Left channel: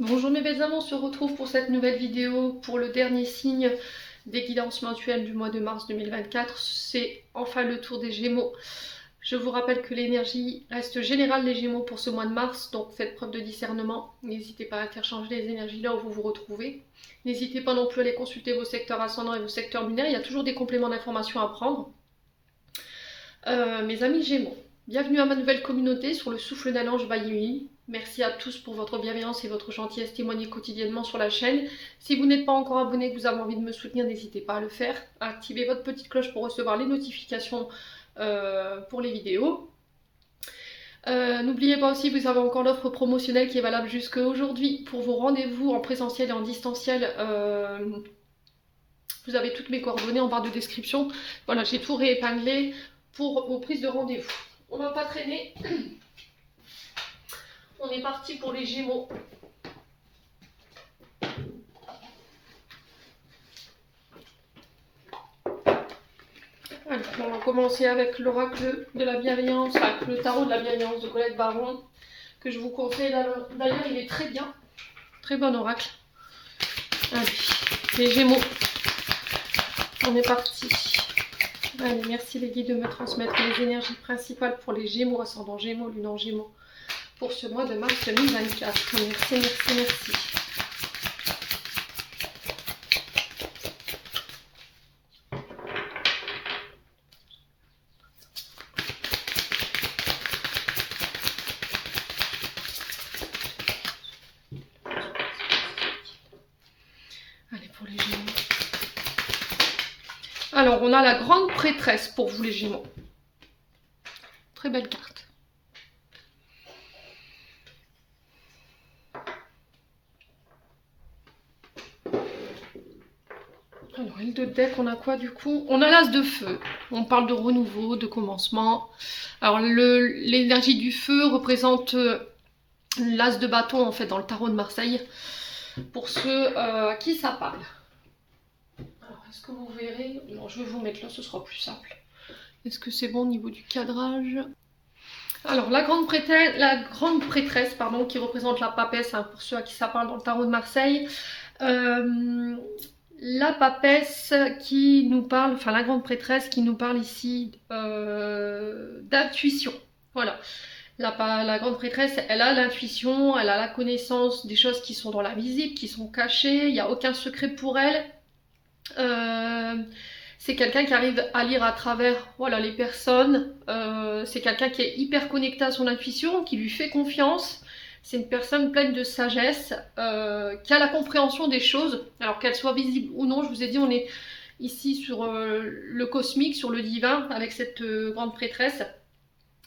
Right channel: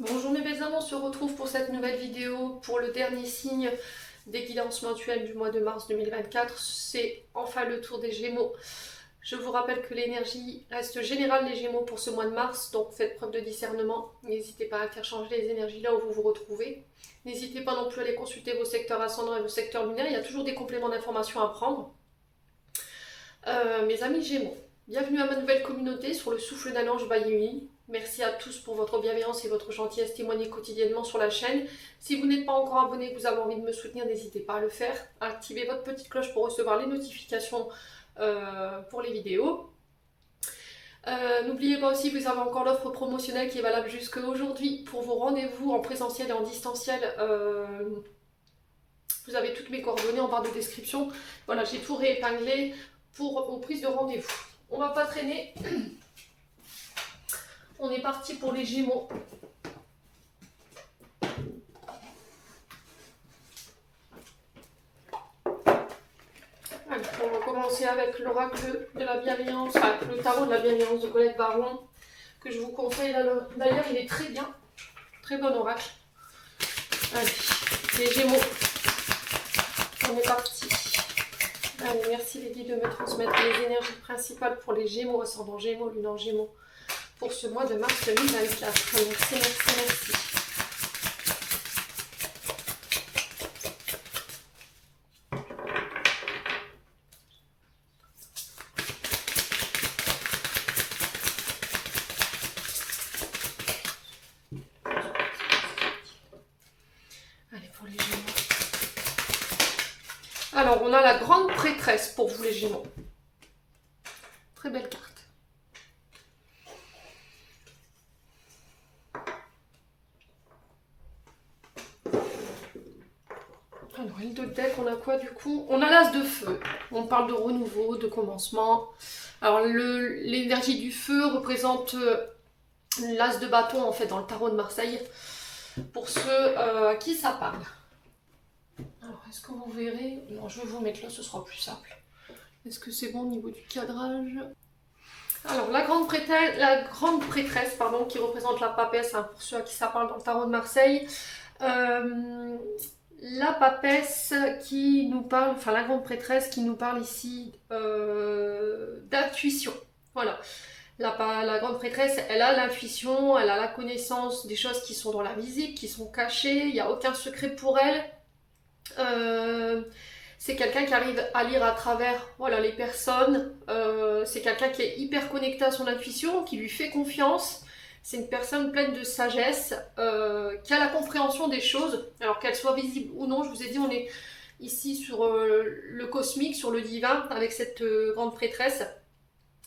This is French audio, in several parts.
Bonjour mes belles âmes, on se retrouve pour cette nouvelle vidéo pour le dernier signe des guidances mensuelles du mois de mars 2024. C'est enfin le tour des Gémeaux. Je vous rappelle que l'énergie reste générale des Gémeaux pour ce mois de mars, donc faites preuve de discernement. N'hésitez pas à interchanger les énergies là où vous vous retrouvez. N'hésitez pas non plus à aller consulter vos secteurs ascendants et vos secteurs lunaires, il y a toujours des compléments d'informations à prendre. Mes amis Gémeaux, bienvenue à ma nouvelle communauté sur le souffle d'un ange Bayuni. Merci à tous pour votre bienveillance et votre gentillesse témoignée quotidiennement sur la chaîne. Si vous n'êtes pas encore abonné et que vous avez envie de me soutenir, n'hésitez pas à le faire. Activez votre petite cloche pour recevoir les notifications pour les vidéos. N'oubliez pas aussi que vous avez encore l'offre promotionnelle qui est valable jusqu'à aujourd'hui pour vos rendez-vous en présentiel et en distanciel. Vous avez toutes mes coordonnées en barre de description. Voilà, j'ai tout réépinglé pour vos prises de rendez-vous. On va pas traîner. On est parti pour les Gémeaux. Alors, on va commencer avec l'oracle de la bienveillance, enfin le tarot de la bienveillance de Colette Baron, que je vous conseille. D'ailleurs, il est très bien. Très bon oracle. Allez, les Gémeaux. On est parti. Allez, merci les guides de me transmettre les énergies principales pour les Gémeaux, ascendant Gémeaux, lune en Gémeaux, pour ce mois de mars 2024. Merci, merci, merci. Allez, pour les Gémeaux. Alors, on a la grande prêtresse pour vous les Gémeaux. Très belle carte. Alors, île de deck, on a quoi du coup? On a l'as de feu. On parle de renouveau, de commencement. Alors, l'énergie du feu représente l'as de bâton en fait dans le tarot de Marseille. Pour ceux à qui ça parle. Alors, est-ce que vous verrez? Non, je vais vous mettre là, ce sera plus simple. Est-ce que c'est bon au niveau du cadrage? Alors, la grande prêtresse, pardon, qui représente la papesse, hein, pour ceux à qui ça parle dans le tarot de Marseille. La papesse qui nous parle, enfin la grande prêtresse qui nous parle ici d'intuition. Voilà. La grande prêtresse, elle a l'intuition, elle a la connaissance des choses qui sont dans l'invisible, qui sont cachées, il n'y a aucun secret pour elle. C'est quelqu'un qui arrive à lire à travers voilà, les personnes, c'est quelqu'un qui est hyper connecté à son intuition, qui lui fait confiance. C'est une personne pleine de sagesse, qui a la compréhension des choses, alors qu'elles soient visibles ou non. Je vous ai dit, on est ici sur le cosmique, sur le divin, avec cette grande prêtresse.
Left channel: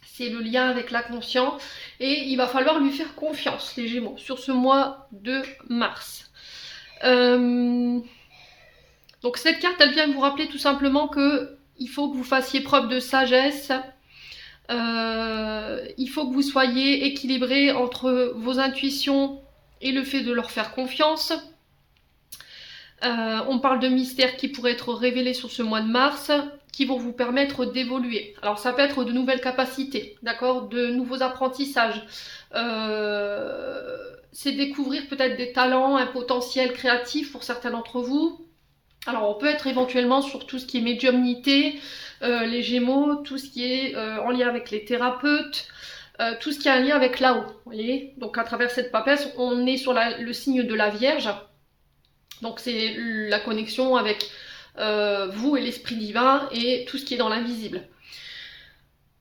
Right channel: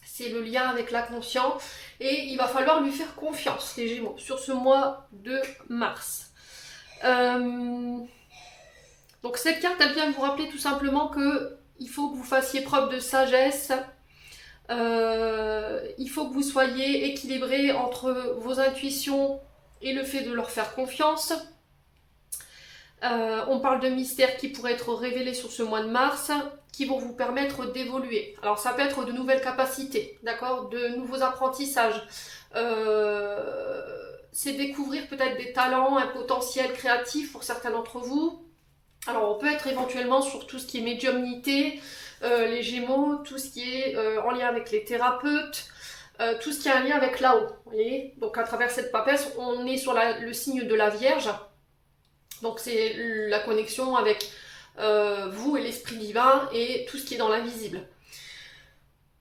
C'est le lien avec l'inconscient et il va falloir lui faire confiance, les Gémeaux, sur ce mois de mars. Donc cette carte, elle vient vous rappeler tout simplement que il faut que vous fassiez preuve de sagesse. Il faut que vous soyez équilibré entre vos intuitions et le fait de leur faire confiance. On parle de mystères qui pourraient être révélés sur ce mois de mars, qui vont vous permettre d'évoluer. Alors ça peut être de nouvelles capacités, d'accord, de nouveaux apprentissages. C'est découvrir peut-être des talents, un potentiel créatif pour certains d'entre vous. Alors on peut être éventuellement sur tout ce qui est médiumnité, les Gémeaux, tout ce qui est en lien avec les thérapeutes, tout ce qui a un lien avec là-haut. Vous voyez, donc à travers cette papesse, on est sur le signe de la Vierge. Donc c'est la connexion avec vous et l'esprit divin et tout ce qui est dans l'invisible.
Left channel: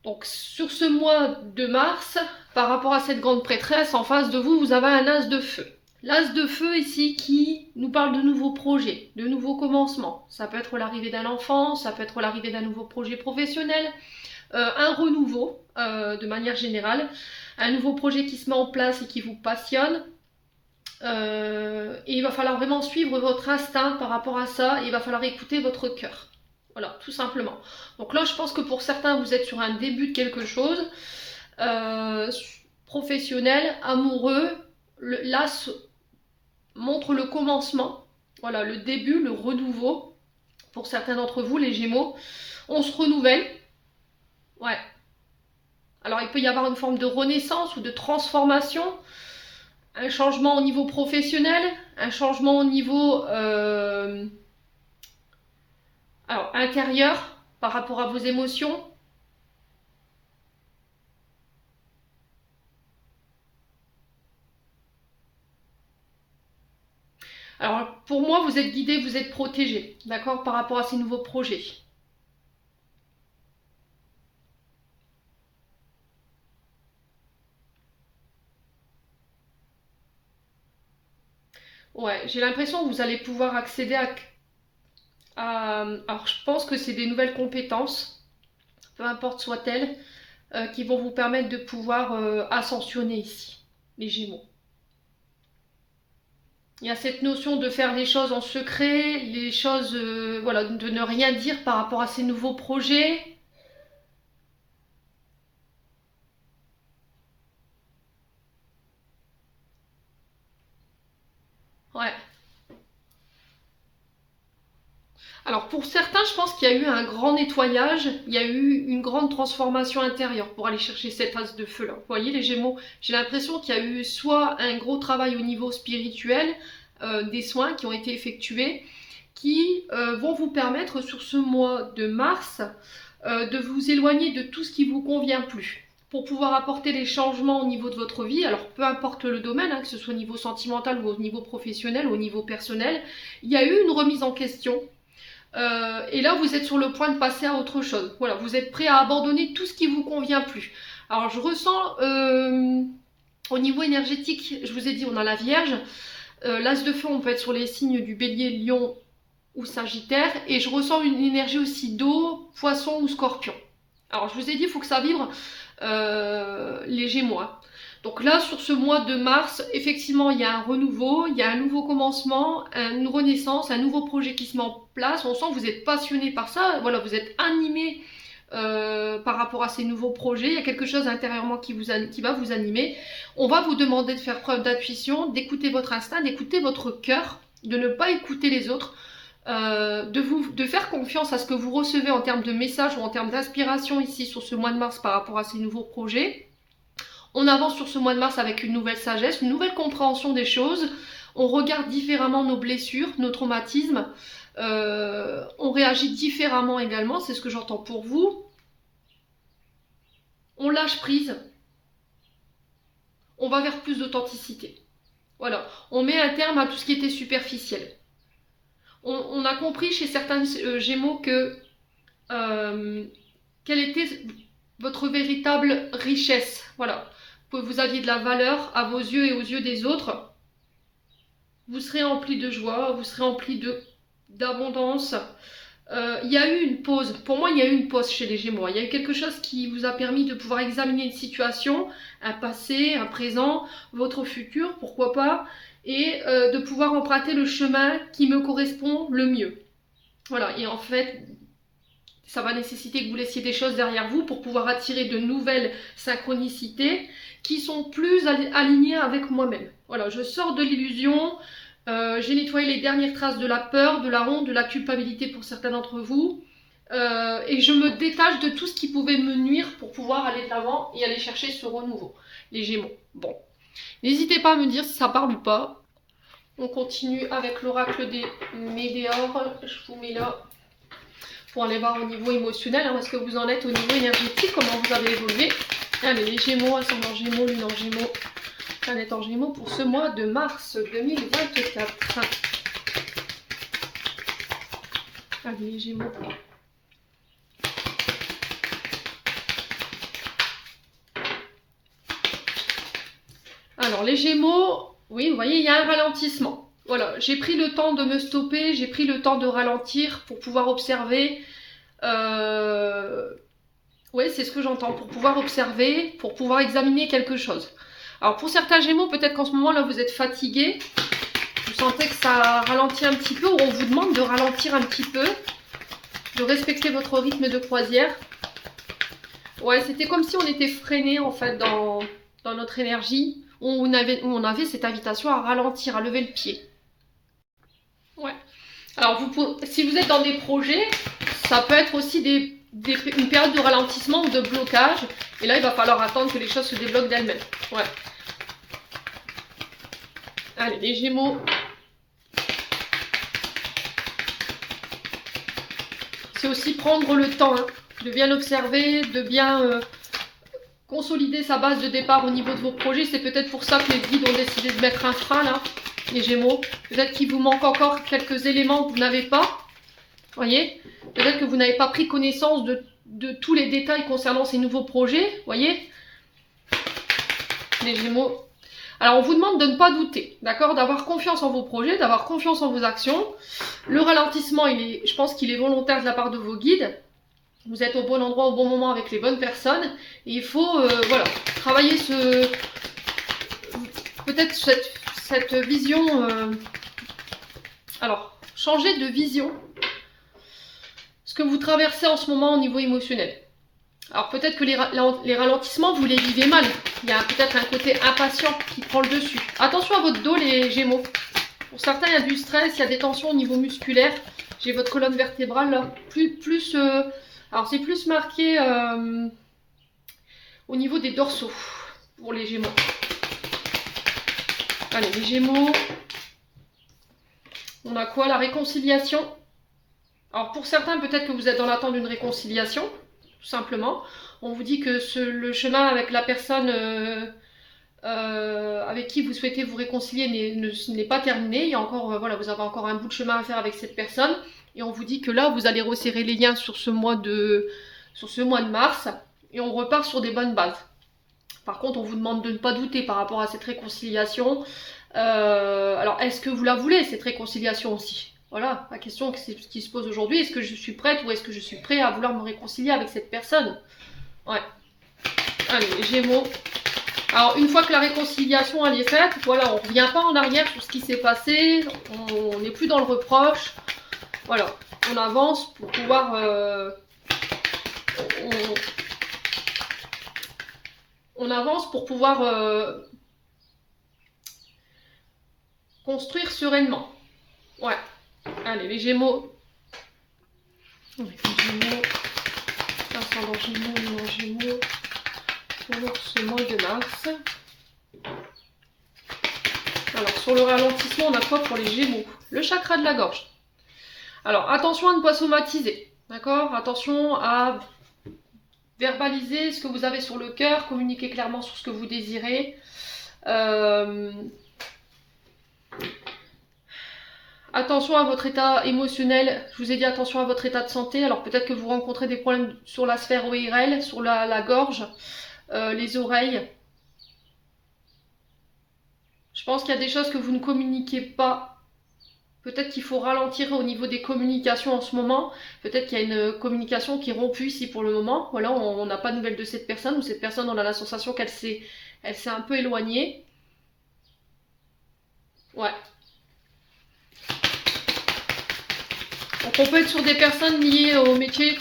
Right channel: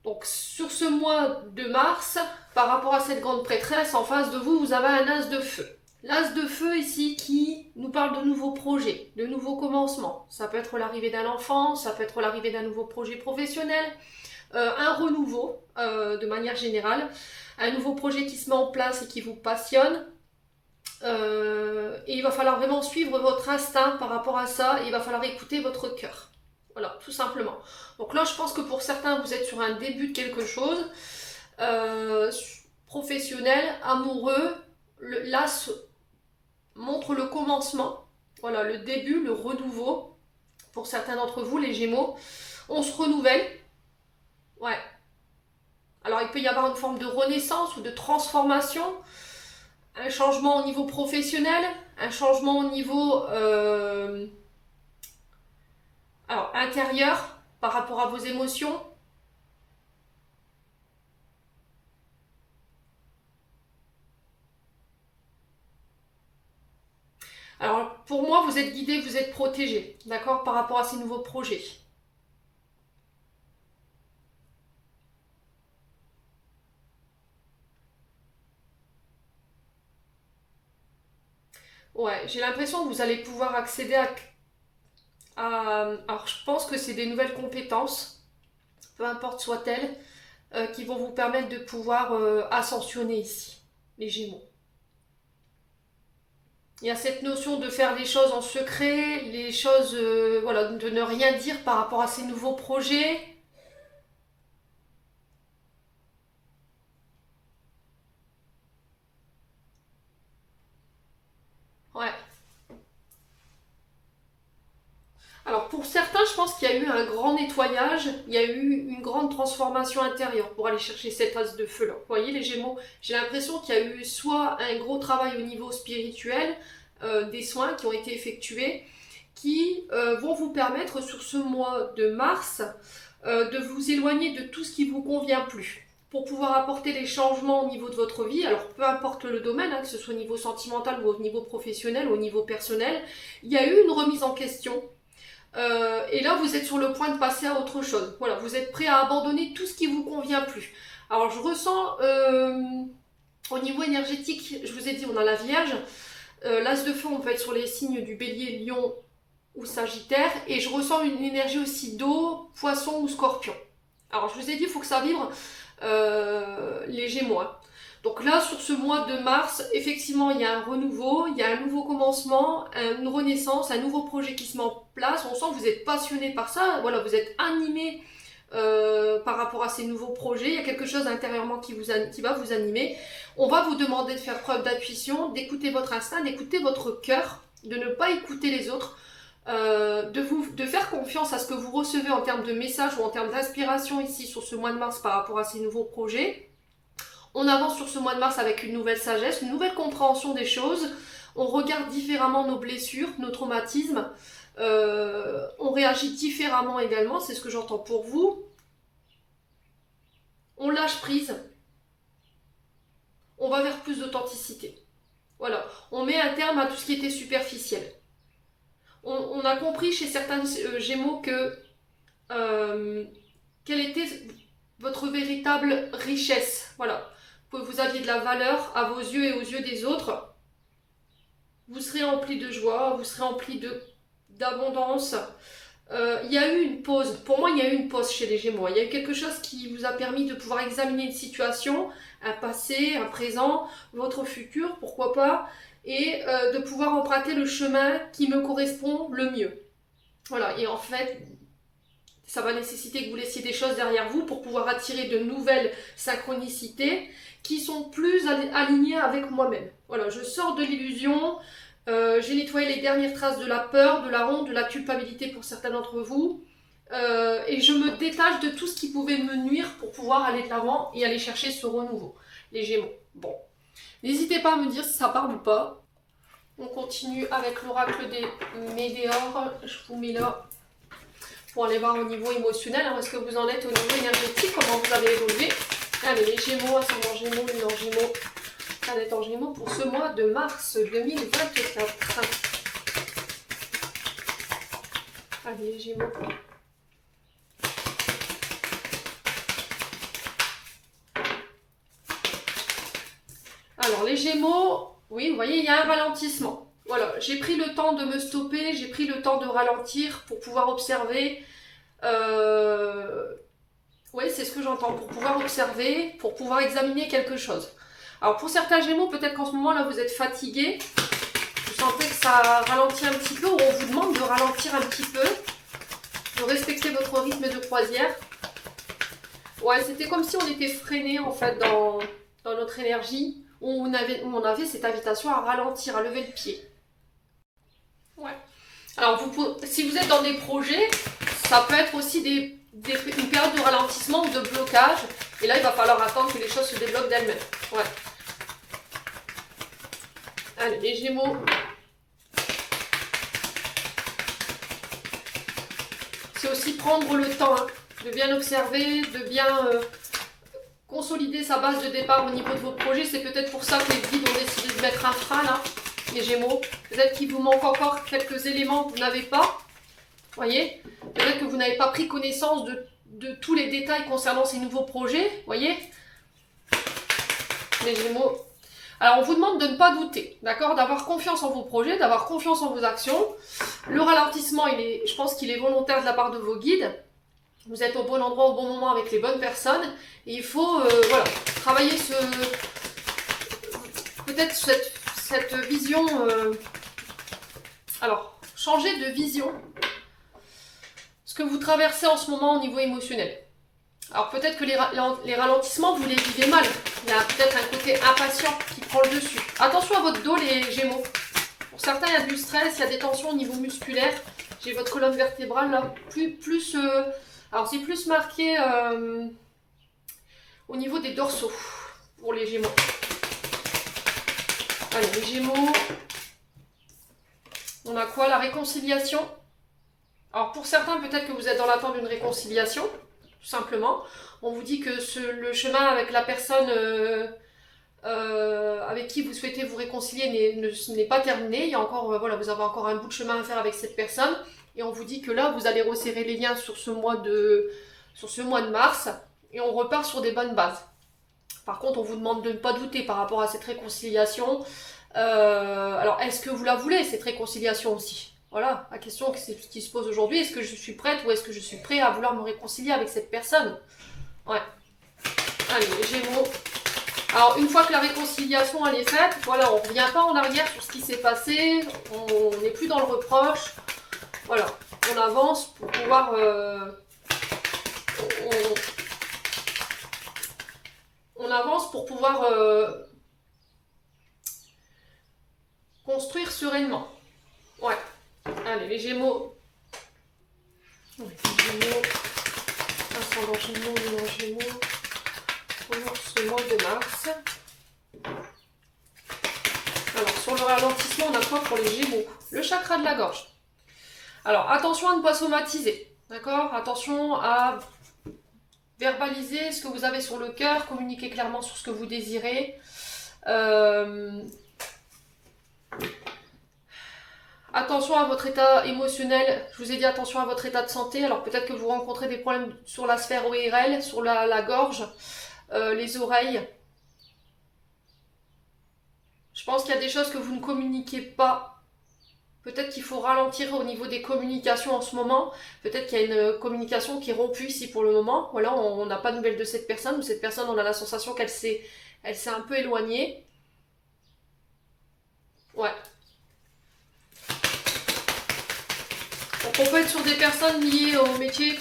Donc sur ce mois de mars, par rapport à cette grande prêtresse, en face de vous, vous avez un as de feu. L'as de feu ici qui nous parle de nouveaux projets, de nouveaux commencements. Ça peut être l'arrivée d'un enfant, ça peut être l'arrivée d'un nouveau projet professionnel, un renouveau de manière générale, un nouveau projet qui se met en place et qui vous passionne. Et il va falloir vraiment suivre votre instinct par rapport à ça, et il va falloir écouter votre cœur. Voilà, tout simplement. Donc là, je pense que pour certains, vous êtes sur un début de quelque chose, professionnel, amoureux. L'as montre le commencement, voilà, le début, le renouveau. Pour certains d'entre vous, les Gémeaux, on se renouvelle. Ouais. Alors, il peut y avoir une forme de renaissance ou de transformation. un changement au niveau professionnel, un changement au niveau alors, intérieur par rapport à vos émotions. Alors, pour moi, vous êtes guidé, vous êtes protégé, d'accord, par rapport à ces nouveaux projets. Ouais, j'ai l'impression que vous allez pouvoir accéder alors, je pense que c'est des nouvelles compétences, peu importe soit-elles, qui vont vous permettre de pouvoir ascensionner ici, les Gémeaux. Il y a cette notion de faire les choses en secret, les choses, voilà, de ne rien dire par rapport à ces nouveaux projets. Ouais. Alors pour certains, je pense qu'il y a eu un grand nettoyage, il y a eu une grande transformation intérieure pour aller chercher cette as de feu là. Vous voyez les Gémeaux, j'ai l'impression qu'il y a eu soit un gros travail au niveau spirituel, des soins qui ont été effectués, qui vont vous permettre sur ce mois de mars de vous éloigner de tout ce qui vous convient plus pour pouvoir apporter des changements au niveau de votre vie. Alors peu importe le domaine, hein, que ce soit au niveau sentimental ou au niveau professionnel, au niveau personnel, il y a eu une remise en question. Et là, vous êtes sur le point de passer à autre chose. Voilà, vous êtes prêt à abandonner tout ce qui vous convient plus. Alors, je ressens au niveau énergétique, je vous ai dit, on a la Vierge. L'As de feu, on peut être sur les signes du Bélier, Lion ou Sagittaire. Et je ressens une énergie aussi d'eau, Poisson ou Scorpion. Alors, je vous ai dit, il faut que ça vibre les Gémeaux. Hein. Donc là, sur ce mois de mars, effectivement, il y a un renouveau, il y a un nouveau commencement, une renaissance, un nouveau projet qui se met en place. On sent que vous êtes passionné par ça, voilà, vous êtes animé par rapport à ces nouveaux projets. Il y a quelque chose intérieurement qui va vous animer. On va vous demander de faire preuve d'intuition, d'écouter votre instinct, d'écouter votre cœur, de ne pas écouter les autres. De faire confiance à ce que vous recevez en termes de messages ou en termes d'inspiration ici sur ce mois de mars par rapport à ces nouveaux projets. On avance sur ce mois de mars avec une nouvelle sagesse, une nouvelle compréhension des choses. On regarde différemment nos blessures, nos traumatismes. On réagit différemment également, c'est ce que j'entends pour vous. On lâche prise. On va vers plus d'authenticité. Voilà, on met un terme à tout ce qui était superficiel. On a compris chez certains Gémeaux que quelle était votre véritable richesse. Voilà, que vous aviez de la valeur à vos yeux et aux yeux des autres. Vous serez empli de joie, vous serez empli d'abondance. Il y a eu une pause, pour moi il y a eu une pause chez les Gémeaux. Il y a eu quelque chose qui vous a permis de pouvoir examiner une situation, un passé, un présent, votre futur, pourquoi pas, et de pouvoir emprunter le chemin qui me correspond le mieux. Voilà, et en fait, ça va nécessiter que vous laissiez des choses derrière vous pour pouvoir attirer de nouvelles synchronicités qui sont plus alignées avec moi-même. Voilà, je sors de l'illusion, j'ai nettoyé les dernières traces de la peur, de la honte, de la culpabilité pour certains d'entre vous, et je me détache de tout ce qui pouvait me nuire pour pouvoir aller de l'avant et aller chercher ce renouveau. Les Gémeaux. Bon, n'hésitez pas à me dire si ça parle ou pas. On continue avec l'oracle des Médéors. Je vous mets là pour aller voir au niveau émotionnel. Est-ce que vous en êtes au niveau énergétique? Comment vous avez évolué? Allez, les Gémeaux, ascendant Gémeaux, lune en Gémeaux, planète en Gémeaux pour ce mois de mars 2024. Allez, les Gémeaux. Alors, les Gémeaux, oui, vous voyez, il y a un ralentissement. Voilà, j'ai pris le temps de me stopper, j'ai pris le temps de ralentir pour pouvoir observer. Oui, c'est ce que j'entends, pour pouvoir observer, pour pouvoir examiner quelque chose. Alors pour certains Gémeaux, peut-être qu'en ce moment là vous êtes fatigué, vous sentez que ça ralentit un petit peu, ou on vous demande de ralentir un petit peu, de respecter votre rythme de croisière. Ouais, c'était comme si on était freiné en fait dans notre énergie, où on avait cette invitation à ralentir, à lever le pied. Ouais. Alors si vous êtes dans des projets, ça peut être aussi une période de ralentissement ou de blocage. Et là, il va falloir attendre que les choses se débloquent d'elles-mêmes. Ouais. Allez, les Gémeaux. C'est aussi prendre le temps hein, de bien observer, de bien consolider sa base de départ au niveau de vos projets. C'est peut-être pour ça que les guides ont décidé de mettre un frein là, les Gémeaux. Peut-être qu'il vous manque encore quelques éléments que vous n'avez pas. Voyez, peut-être que vous n'avez pas pris connaissance de tous les détails concernant ces nouveaux projets. Voyez, les Gémeaux. Alors, on vous demande de ne pas douter, d'accord, d'avoir confiance en vos projets, d'avoir confiance en vos actions. Le ralentissement, je pense qu'il est volontaire de la part de vos guides. Vous êtes au bon endroit, au bon moment avec les bonnes personnes. Et il faut, voilà, travailler peut-être cette vision. Alors, changer de vision. Ce que vous traversez en ce moment au niveau émotionnel. Alors peut-être que les ralentissements, vous les vivez mal. Il y a peut-être un côté impatient qui prend le dessus. Attention à votre dos, les Gémeaux. Pour certains, il y a du stress, il y a des tensions au niveau musculaire. J'ai votre colonne vertébrale là. Alors c'est plus marqué au niveau des dorsaux pour les Gémeaux. Allez, les Gémeaux. On a quoi? La réconciliation. Alors pour certains, peut-être que vous êtes dans l'attente d'une réconciliation. Tout simplement. On vous dit que le chemin avec la personne avec qui vous souhaitez vous réconcilier n'est pas terminé. Il y a encore, voilà, vous avez encore un bout de chemin à faire avec cette personne. Et on vous dit que là, vous allez resserrer les liens sur ce mois de mars. Et on repart sur des bonnes bases. Par contre, on vous demande de ne pas douter par rapport à cette réconciliation. Alors, est-ce que vous la voulez, cette réconciliation aussi? Voilà, la question qui se pose aujourd'hui, est-ce que je suis prête ou est-ce que je suis prêt à vouloir me réconcilier avec cette personne? Ouais. Allez, les Gémeaux. Alors, une fois que la réconciliation elle est faite, voilà, on ne revient pas en arrière sur ce qui s'est passé, on n'est plus dans le reproche. Voilà, on avance pour pouvoir... on avance pour pouvoir construire sereinement. Ouais. Allez, les Gémeaux. Les Gémeaux. Ascendant Gémeaux, Gémeaux. Pour ce mois de mars. Alors, sur le ralentissement, on a quoi pour les Gémeaux? Le chakra de la gorge. Alors, attention à ne pas somatiser. D'accord? Attention à verbaliser ce que vous avez sur le cœur, communiquer clairement sur ce que vous désirez. Attention à votre état émotionnel, je vous ai dit attention à votre état de santé, alors peut-être que vous rencontrez des problèmes sur la sphère ORL, sur la gorge, les oreilles. Je pense qu'il y a des choses que vous ne communiquez pas. Peut-être qu'il faut ralentir au niveau des communications en ce moment. Peut-être qu'il y a une communication qui est rompue ici pour le moment. Voilà, on n'a pas de nouvelles de cette personne, ou cette personne, on a la sensation qu'elle s'est un peu éloignée. Ouais. Donc on peut être sur des personnes liées au métier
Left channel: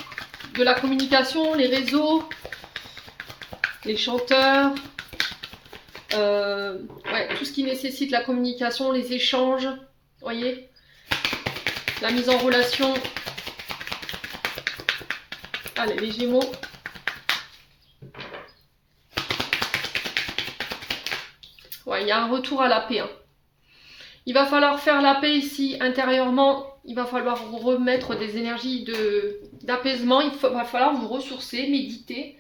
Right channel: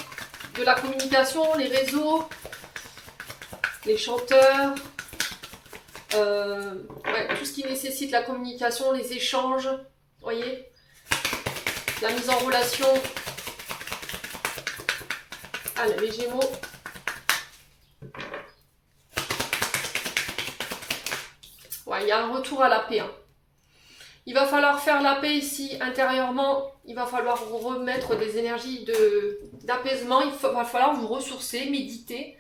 de la communication, les réseaux, les chanteurs, ouais, tout ce qui nécessite la communication, les échanges, voyez, la mise en relation. Allez, les Gémeaux. Ouais, il y a un retour à la paix. Hein. Il va falloir faire la paix ici intérieurement. Il va falloir remettre des énergies d'apaisement. Va falloir vous ressourcer, méditer.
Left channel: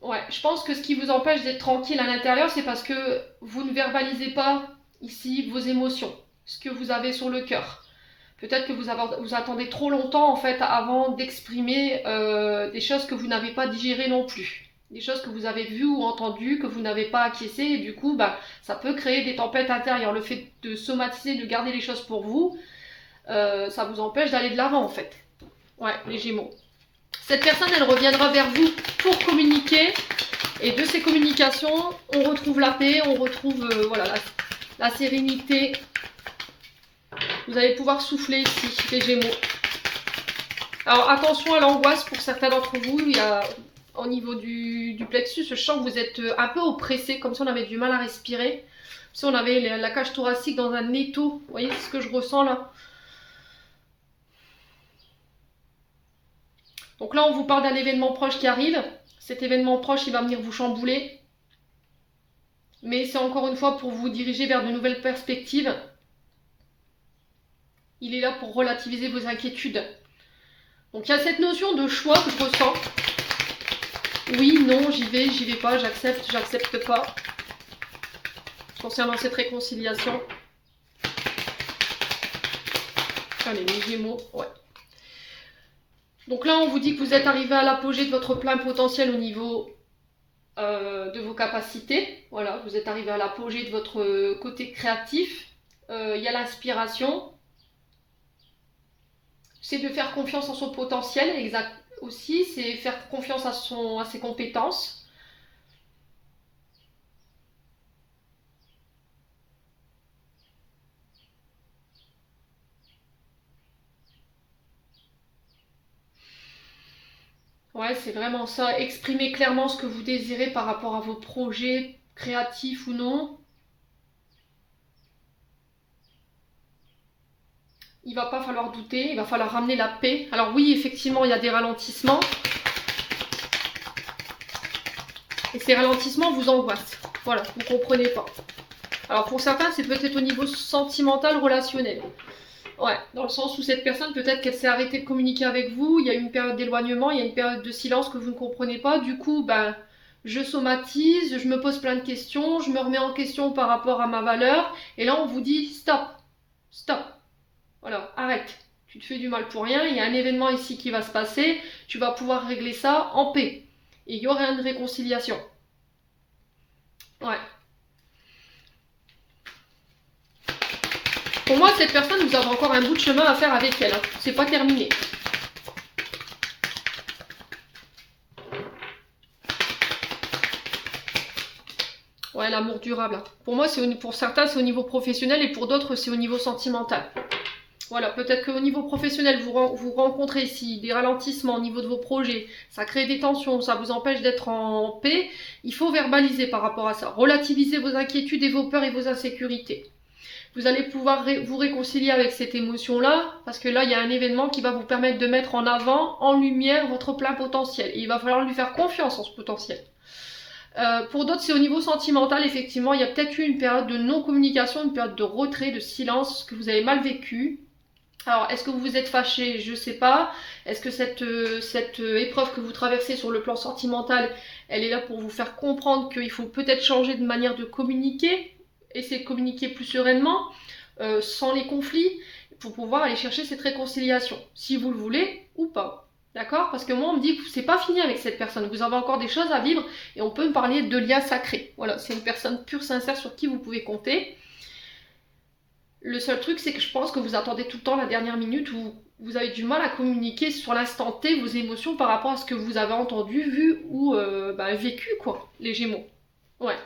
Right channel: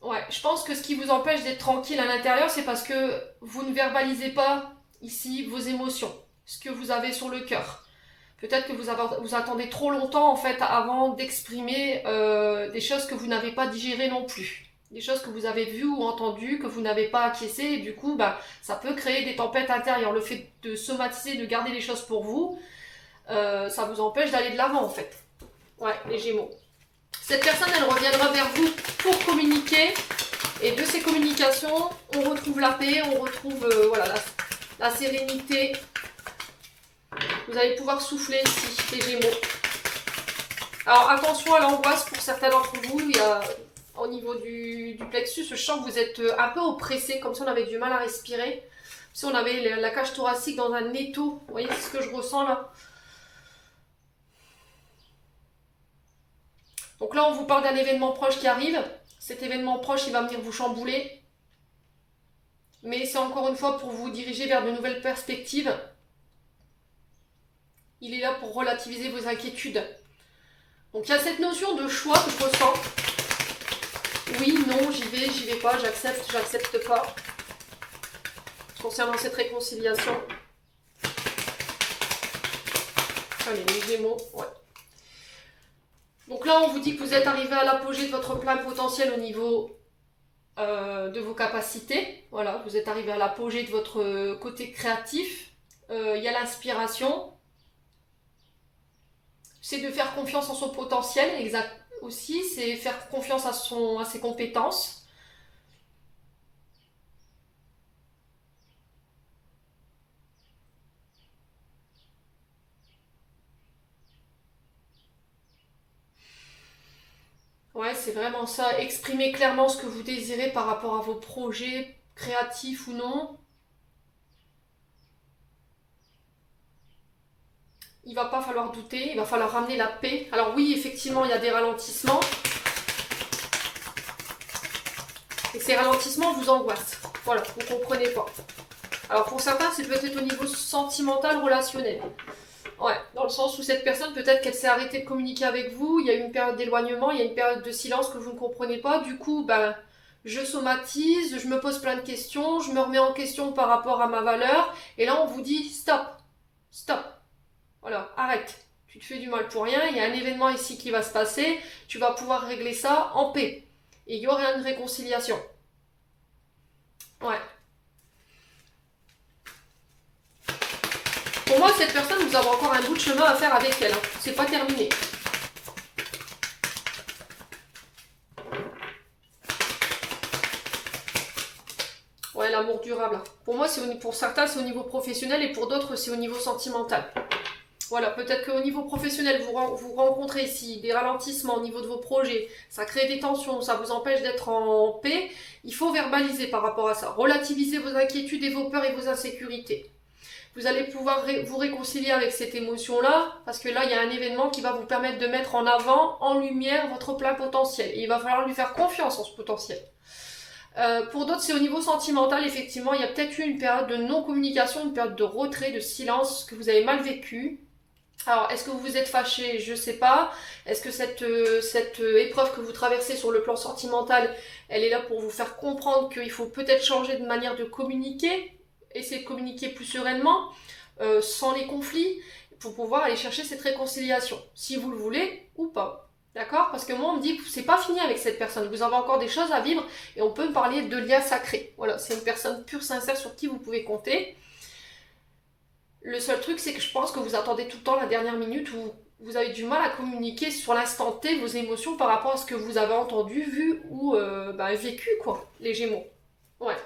Ouais, je pense que ce qui vous empêche d'être tranquille à l'intérieur, c'est parce que vous ne verbalisez pas ici vos émotions, ce que vous avez sur le cœur. Peut-être que vous attendez trop longtemps en fait avant d'exprimer des choses que vous n'avez pas digérées non plus. Des choses que vous avez vues ou entendues, que vous n'avez pas acquiescées, et du coup, bah, ça peut créer des tempêtes intérieures. Le fait de somatiser, de garder les choses pour vous, ça vous empêche d'aller de l'avant en fait. Ouais, les Gémeaux. Cette personne, elle reviendra vers vous pour communiquer, et de ces communications, on retrouve la paix, on retrouve voilà, la sérénité. Vous allez pouvoir souffler ici, les Gémeaux. Alors attention à l'angoisse pour certains d'entre vous, il y a... Au niveau du plexus, je sens que vous êtes un peu oppressé, comme si on avait du mal à respirer. Si on avait la cage thoracique dans un étau. Vous voyez ce que je ressens là? Donc là, on vous parle d'un événement proche qui arrive. Cet événement proche, il va venir vous chambouler. mais c'est encore une fois pour vous diriger vers de nouvelles perspectives. Il est là pour relativiser vos inquiétudes. Donc il y a cette notion de choix que je ressens. Oui, non, j'y vais pas, j'accepte, j'accepte pas. Concernant cette réconciliation. Allez, les Gémeaux, ouais. Donc là, on vous dit que vous êtes arrivé à l'apogée de votre plein potentiel au niveau de vos capacités. Voilà, vous êtes arrivé à l'apogée de votre côté créatif. Il y a l'inspiration. C'est de faire confiance en son potentiel, exact aussi. C'est faire confiance à ses compétences. Ouais, c'est vraiment ça. Exprimer clairement ce que vous désirez par rapport à vos projets, créatifs ou non. Il va pas falloir douter, il va falloir ramener la paix. Alors oui, effectivement, il y a des ralentissements. Et ces ralentissements vous angoissent. Voilà, vous ne comprenez pas. Alors pour certains, c'est peut-être au niveau sentimental, relationnel. Ouais, dans le sens où cette personne, peut-être qu'elle s'est arrêtée de communiquer avec vous, il y a eu une période d'éloignement, il y a une période de silence que vous ne comprenez pas. Du coup, ben, je somatise, je me pose plein de questions, je me remets en question par rapport à ma valeur. Et là, on vous dit stop, stop. Voilà, arrête. Tu te fais du mal pour rien, il y a un événement ici qui va se passer, tu vas pouvoir régler ça en paix. Et il y aura une réconciliation. Ouais. Pour moi, cette personne, vous avez encore un bout de chemin à faire avec elle. Hein. C'est pas terminé. Ouais, l'amour durable. Pour moi, pour certains, c'est au niveau professionnel et pour d'autres, c'est au niveau sentimental. Voilà, peut-être qu'au niveau professionnel, vous rencontrez ici des ralentissements au niveau de vos projets, ça crée des tensions, ça vous empêche d'être en paix. Il faut verbaliser par rapport à ça. Relativiser vos inquiétudes et vos peurs et vos insécurités. Vous allez pouvoir vous réconcilier avec cette émotion-là, parce que là, il y a un événement qui va vous permettre de mettre en avant, en lumière, votre plein potentiel. Et il va falloir lui faire confiance en ce potentiel. Pour d'autres, c'est au niveau sentimental, effectivement, il y a peut-être eu une période de non-communication, une période de retrait, de silence, que vous avez mal vécu. Alors, est-ce que vous vous êtes fâché? Je ne sais pas. Est-ce que cette épreuve que vous traversez sur le plan sentimental, elle est là pour vous faire comprendre qu'il faut peut-être changer de manière de communiquer, essayer de communiquer plus sereinement, sans les conflits, pour pouvoir aller chercher cette réconciliation, si vous le voulez ou pas. D'accord? Parce que moi, on me dit que c'est pas fini avec cette personne. Vous avez encore des choses à vivre et on peut me parler de liens sacrés. Voilà, c'est une personne pure, sincère sur qui vous pouvez compter. Le seul truc, c'est que je pense que vous attendez tout le temps la dernière minute où vous avez du mal à communiquer sur l'instant T vos émotions par rapport à ce que vous avez entendu, vu ou vécu, quoi, les Gémeaux. Ouais.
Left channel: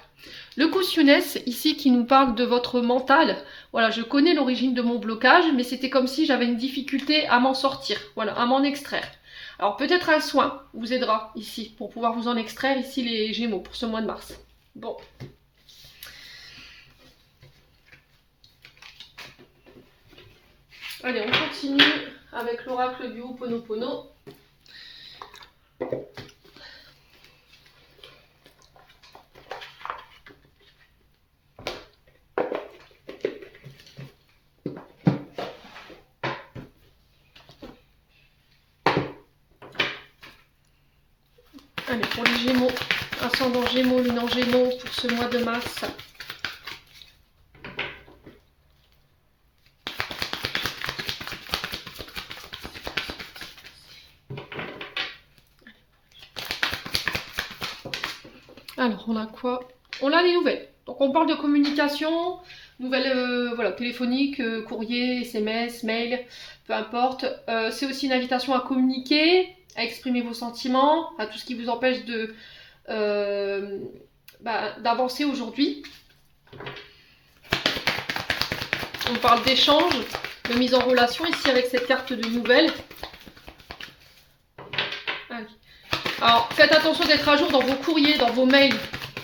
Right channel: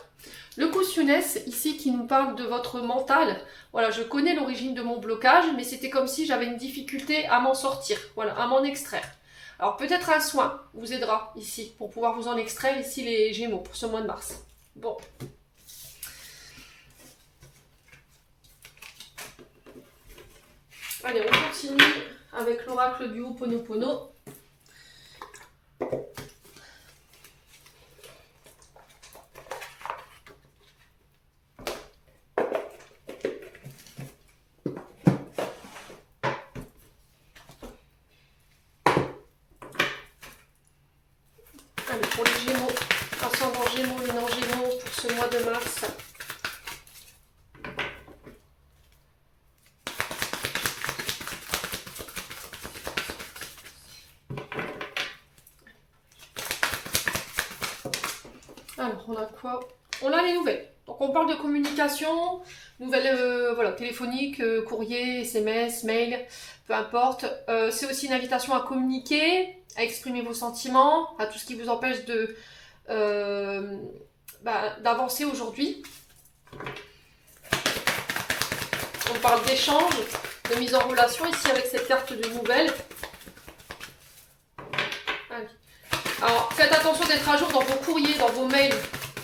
Le Cautionès, ici, qui nous parle de votre mental. Voilà, je connais l'origine de mon blocage, mais c'était comme si j'avais une difficulté à m'en sortir, voilà, à m'en extraire. Alors peut-être un soin vous aidera ici, pour pouvoir vous en extraire, ici, les Gémeaux, pour ce mois de mars. Bon. Allez, on continue avec l'oracle du Ho'oponopono. Allez, pour les Gémeaux, ascendant Gémeaux, lune en Gémeaux, pour ce mois de mars. Alors, on a quoi? On a les nouvelles. Donc, on parle de communication, nouvelles voilà, téléphoniques, courrier, SMS, mail, peu importe. C'est aussi une invitation à communiquer, à exprimer vos sentiments, à tout ce qui vous empêche d'avancer aujourd'hui. On parle d'échange, de mise en relation ici avec cette carte de nouvelles. Alors, faites attention d'être à jour dans vos courriers, dans vos mails,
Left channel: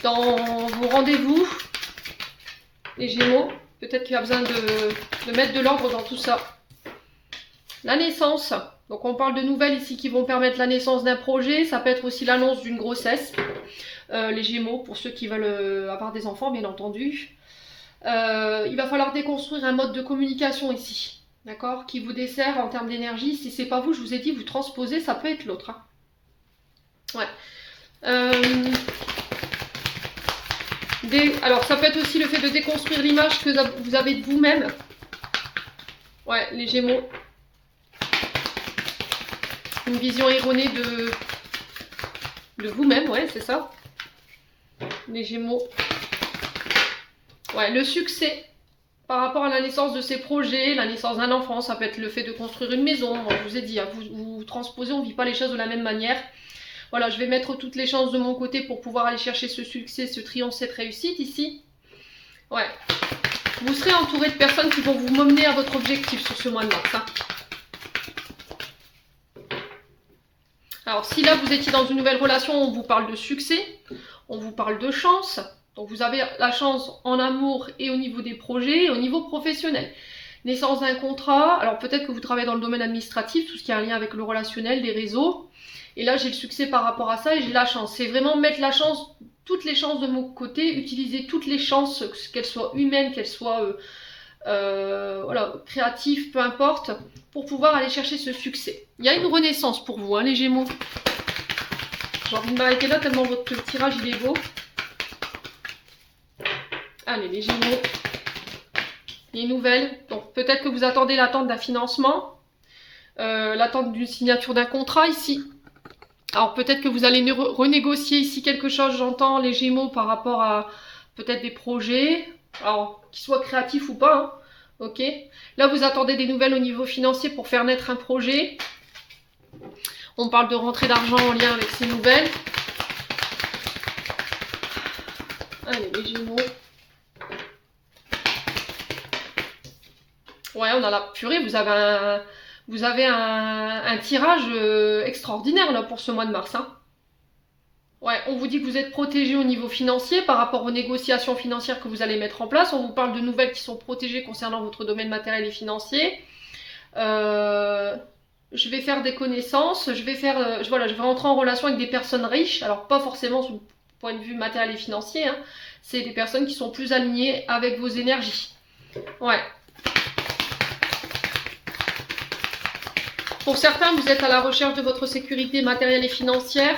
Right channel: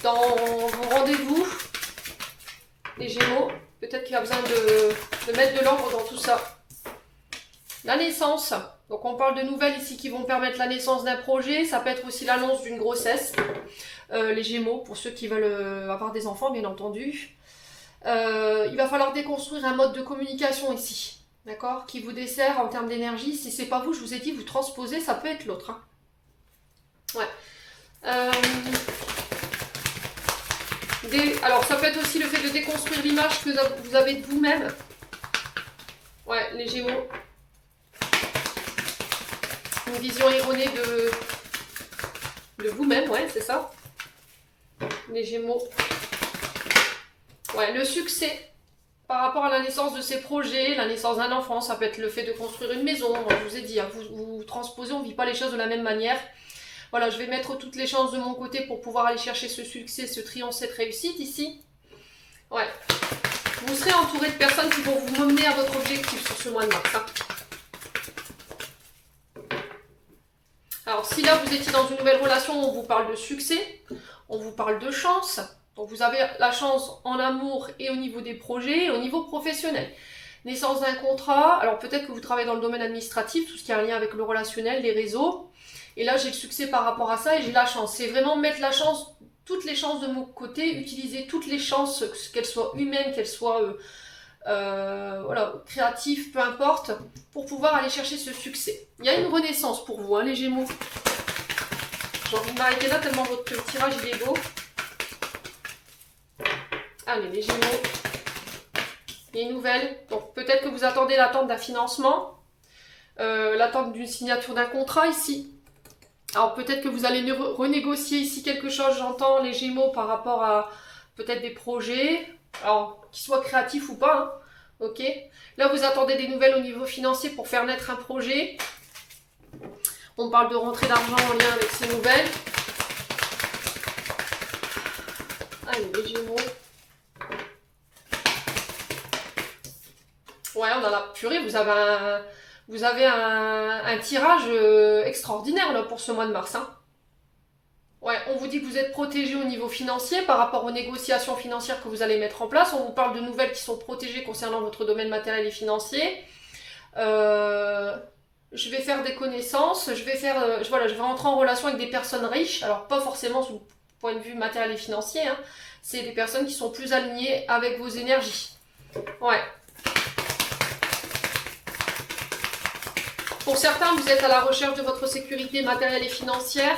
dans vos rendez-vous. Les Gémeaux, peut-être qu'il y a besoin de mettre de l'ordre dans tout ça. La naissance. Donc on parle de nouvelles ici qui vont permettre la naissance d'un projet. Ça peut être aussi l'annonce d'une grossesse. Les Gémeaux, pour ceux qui veulent avoir des enfants, bien entendu. Il va falloir déconstruire un mode de communication ici. D'accord? Qui vous dessert en termes d'énergie. Si c'est pas vous, je vous ai dit, vous transposez, ça peut être l'autre. Hein. Ouais. Alors ça peut être aussi le fait de déconstruire l'image que vous avez de vous-même. Ouais, les Gémeaux. Une vision erronée de vous-même, ouais, c'est ça. Les Gémeaux. Ouais, le succès par rapport à la naissance de ces projets, la naissance d'un enfant, ça peut être le fait de construire une maison. Je vous ai dit, hein, vous transposez, on ne vit pas les choses de la même manière. Voilà, je vais mettre toutes les chances de mon côté pour pouvoir aller chercher ce succès, ce triomphe, cette réussite ici. Ouais. Vous serez entouré de personnes qui vont vous mener à votre objectif sur ce mois de mars. Hein. Alors, si là, vous étiez dans une nouvelle relation, on vous parle de succès, on vous parle de chance. Donc, vous avez la chance en amour et au niveau des projets, et au niveau professionnel. Naissance d'un contrat, alors peut-être que vous travaillez dans le domaine administratif, tout ce qui a un lien avec le relationnel, les réseaux. Et là, j'ai le succès par rapport à ça et j'ai la chance. C'est vraiment mettre la chance, toutes les chances de mon côté, utiliser toutes les chances, qu'elles soient humaines, qu'elles soient voilà, créatives, peu importe, pour pouvoir aller chercher ce succès. Il y a une renaissance pour vous, hein, les Gémeaux. J'ai envie de m'arrêter là tellement votre tirage il est beau. Allez, les Gémeaux. Les nouvelles. Donc peut-être que vous attendez l'attente d'un financement, l'attente d'une signature d'un contrat ici. Alors peut-être que vous allez renégocier ici quelque chose, j'entends les Gémeaux par rapport à peut-être des projets, alors qu'ils soient créatifs ou pas, hein. Ok. Là vous attendez des nouvelles au niveau financier pour faire naître un projet. On parle de rentrée d'argent en lien avec ces nouvelles. Allez les Gémeaux. Ouais, on a la purée, vous avez un tirage extraordinaire là, pour ce mois de mars. Hein. Ouais, on vous dit que vous êtes protégé au niveau financier par rapport aux négociations financières que vous allez mettre en place. On vous parle de nouvelles qui sont protégées concernant votre domaine matériel et financier. Je vais faire des connaissances, voilà, je vais rentrer en relation avec des personnes riches. Alors pas forcément sous le point de vue matériel et financier. Hein. C'est des personnes qui sont plus alignées avec vos énergies. Ouais. Pour certains, vous êtes à la recherche de votre sécurité matérielle et financière.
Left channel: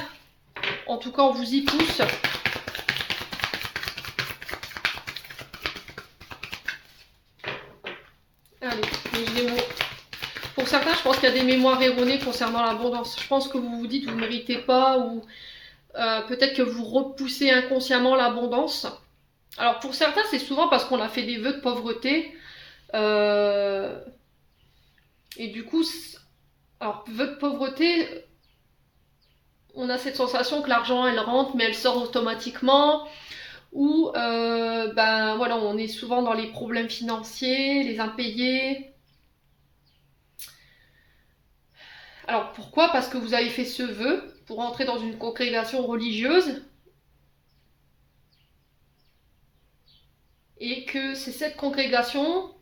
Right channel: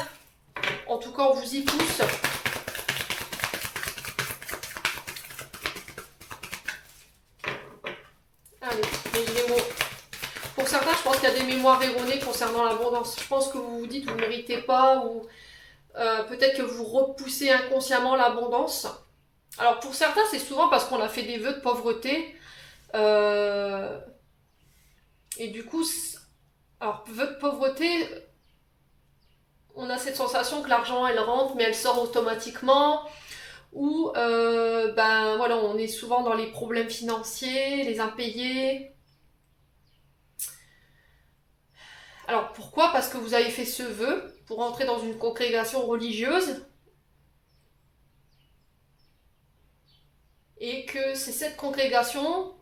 En tout cas, on vous y pousse. Allez, les Gémeaux. Pour certains, je pense qu'il y a des mémoires erronées concernant l'abondance. Je pense que vous vous dites que vous ne méritez pas ou peut-être que vous repoussez inconsciemment l'abondance. Alors pour certains, c'est souvent parce qu'on a fait des vœux de pauvreté. Et du coup, alors vœux de pauvreté, on a cette sensation que l'argent, elle rentre, mais elle sort automatiquement. Ou, ben voilà, on est souvent dans les problèmes financiers, les impayés. Alors pourquoi? Parce que vous avez fait ce vœu pour entrer dans une congrégation religieuse. Et que c'est cette congrégation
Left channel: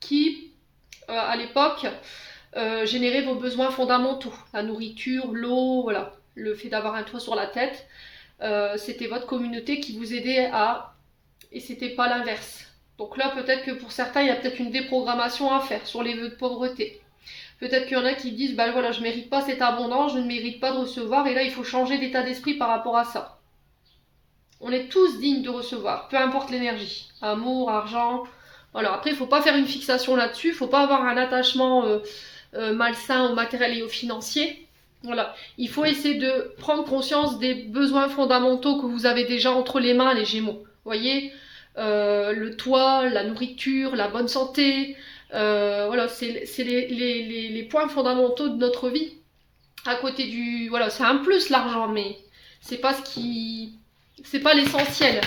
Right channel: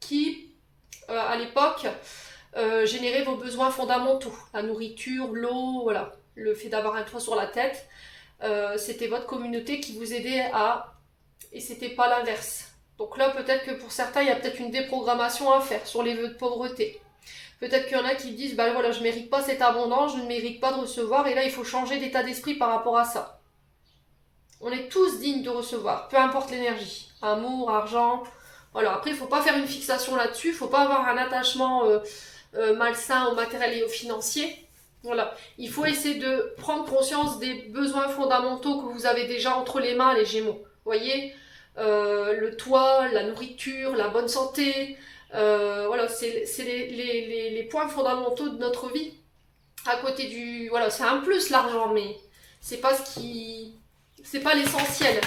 qui, à l'époque, générait vos besoins fondamentaux. La nourriture, l'eau, voilà. Le fait d'avoir un toit sur la tête. C'était votre communauté qui vous aidait à... Et c'était pas l'inverse. Donc là, peut-être que pour certains, il y a peut-être une déprogrammation à faire sur les vœux de pauvreté. Peut-être qu'il y en a qui disent, bah voilà, je ne mérite pas cette abondance, je ne mérite pas de recevoir, et là, il faut changer d'état d'esprit par rapport à ça. On est tous dignes de recevoir, peu importe l'énergie. Amour, argent, voilà. Après, il ne faut pas faire une fixation là-dessus, il ne faut pas avoir un attachement malsain au matériel et au financier. Voilà. Il faut essayer de prendre conscience des besoins fondamentaux que vous avez déjà entre les mains, les Gémeaux. Vous voyez, le toit, la nourriture, la bonne santé, voilà, c'est les points fondamentaux de notre vie. À côté du... Voilà, c'est un plus l'argent, mais c'est pas ce qui... C'est pas l'essentiel.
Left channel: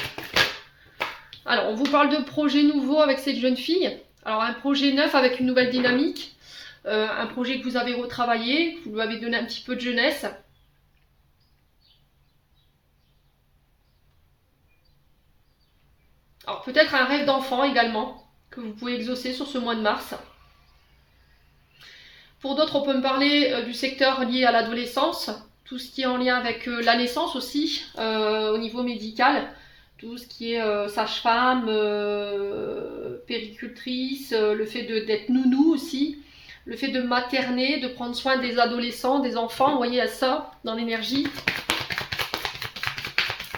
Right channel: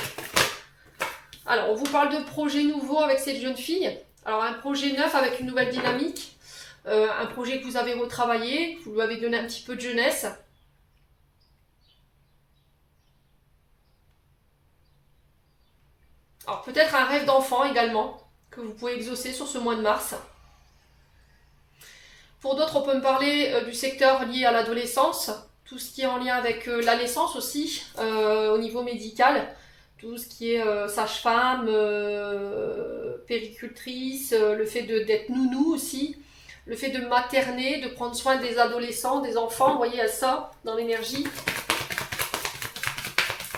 Alors, on vous parle de projet nouveau avec cette jeune fille. Alors, un projet neuf avec une nouvelle dynamique. Un projet que vous avez retravaillé, vous lui avez donné un petit peu de jeunesse. Alors, peut-être un rêve d'enfant également, que vous pouvez exaucer sur ce mois de mars. Pour d'autres, on peut me parler du secteur lié à l'adolescence, tout ce qui est en lien avec la naissance aussi, au niveau médical, tout ce qui est sage-femme, péricultrice, le fait d'être nounou aussi, le fait de materner, de prendre soin des adolescents, des enfants, vous voyez, à ça dans l'énergie.